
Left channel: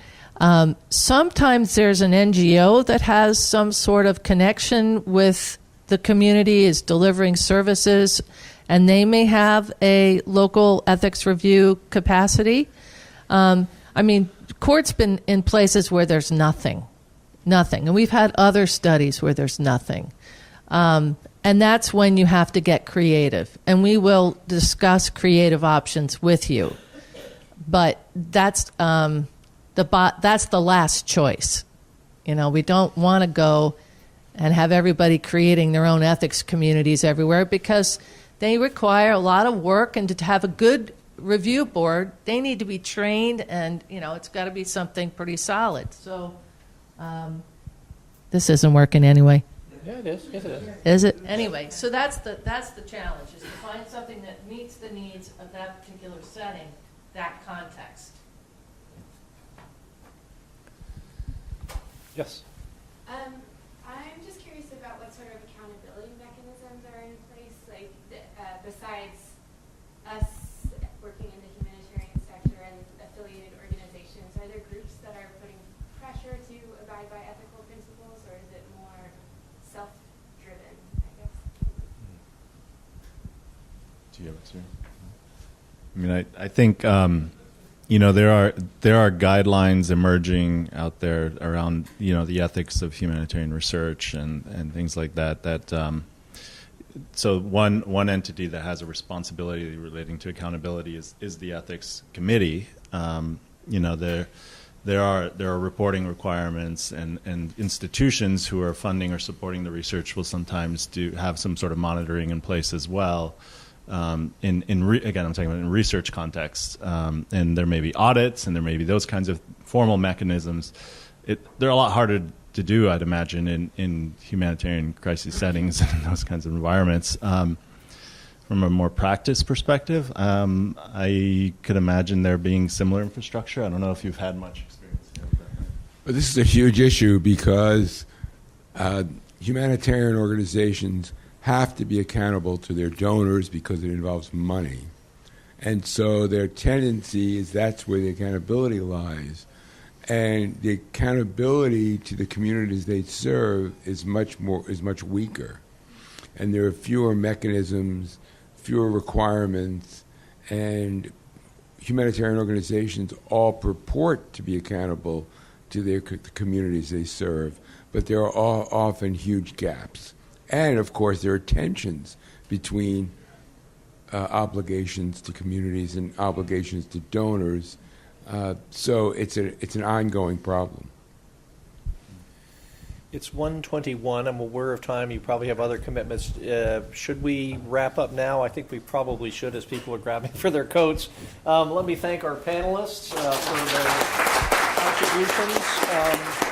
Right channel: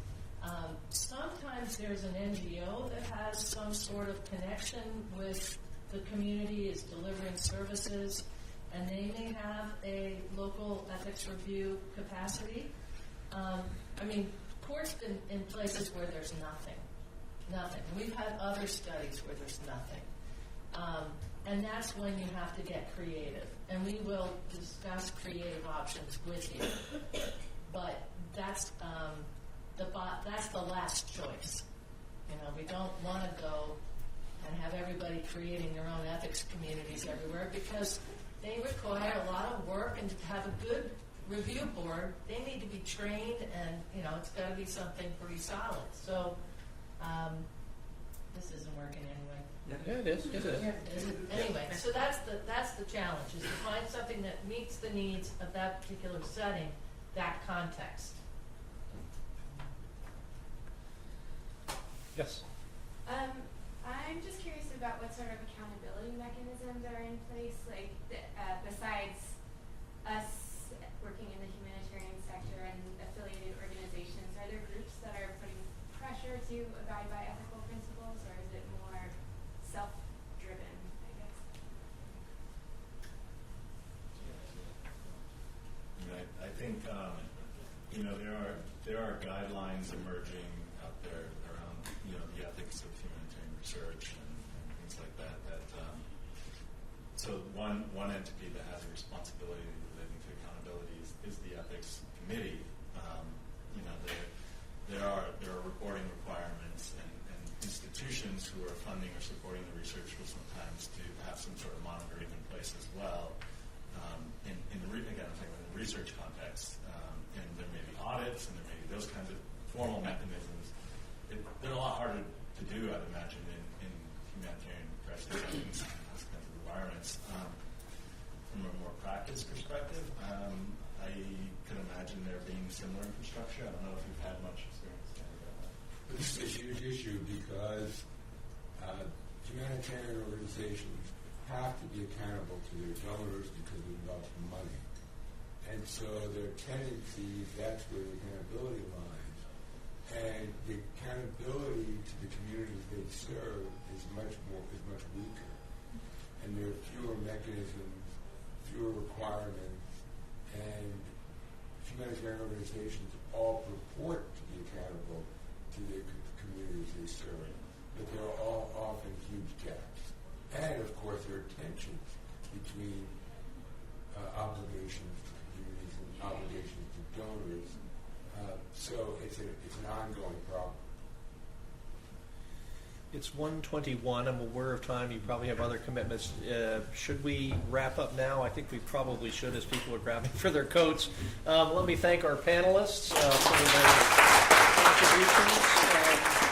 Sometimes there's an NGO that has some sort of connection with the community, is delivering services, and they may have a local ethics review capacity. I mean, court's been in places where there's nothing. And we've had other studies where there's nothing. And that's when you have to get creative. And we will discuss creative options with you. But that's the last choice. You know, we don't want to go and have everybody creating their own ethics communities everywhere because they require a lot of work, and to have a good review board, they need to be trained, and, you know, it's got to be something pretty solid. So this isn't working anyway. Yeah, it is. Yes, it is. Is it? Anyway, so that's the challenge, is to find something that meets the needs of that particular setting, that context. Yes. I'm just curious about what sort of accountability mechanisms are in place, like besides us working in the humanitarian sector and affiliated organizations. Are there groups that are putting pressure to abide by ethical principles, or is it more self-driven, I guess? Do you have it, too? I mean, I think you know, there are guidelines emerging out there around, you know, the ethics of humanitarian research and things like that. So one entity that has a responsibility relating to accountability is the ethics committee. You know, there are reporting requirements, and institutions who are funding or supporting the research will sometimes have some sort of monitoring in place as well. Again, I'm talking about in research contexts, and there may be audits, and there may be those kinds of formal mechanisms. They're a lot harder to do, I'd imagine, in humanitarian crisis settings and those kinds of environments. From a more practice perspective, I could imagine there being similar infrastructure. I don't know if you've had much experience with that. But this is a huge issue because humanitarian organizations have to be accountable to their donors because it involves money. And so their tendency is that's where the accountability lies. And the accountability to the communities they serve is much weaker. And there are fewer mechanisms, fewer requirements, and humanitarian organizations all purport to be accountable to the communities they serve, but there are often huge gaps. And, of course, there are tensions between obligations to communities and obligations to donors. So it's an ongoing problem. It's 1:21. I'm aware of time. You probably have other commitments. Should we wrap up now? I think we probably should, as people are grabbing for their coats. Let me thank our panelists for their contributions.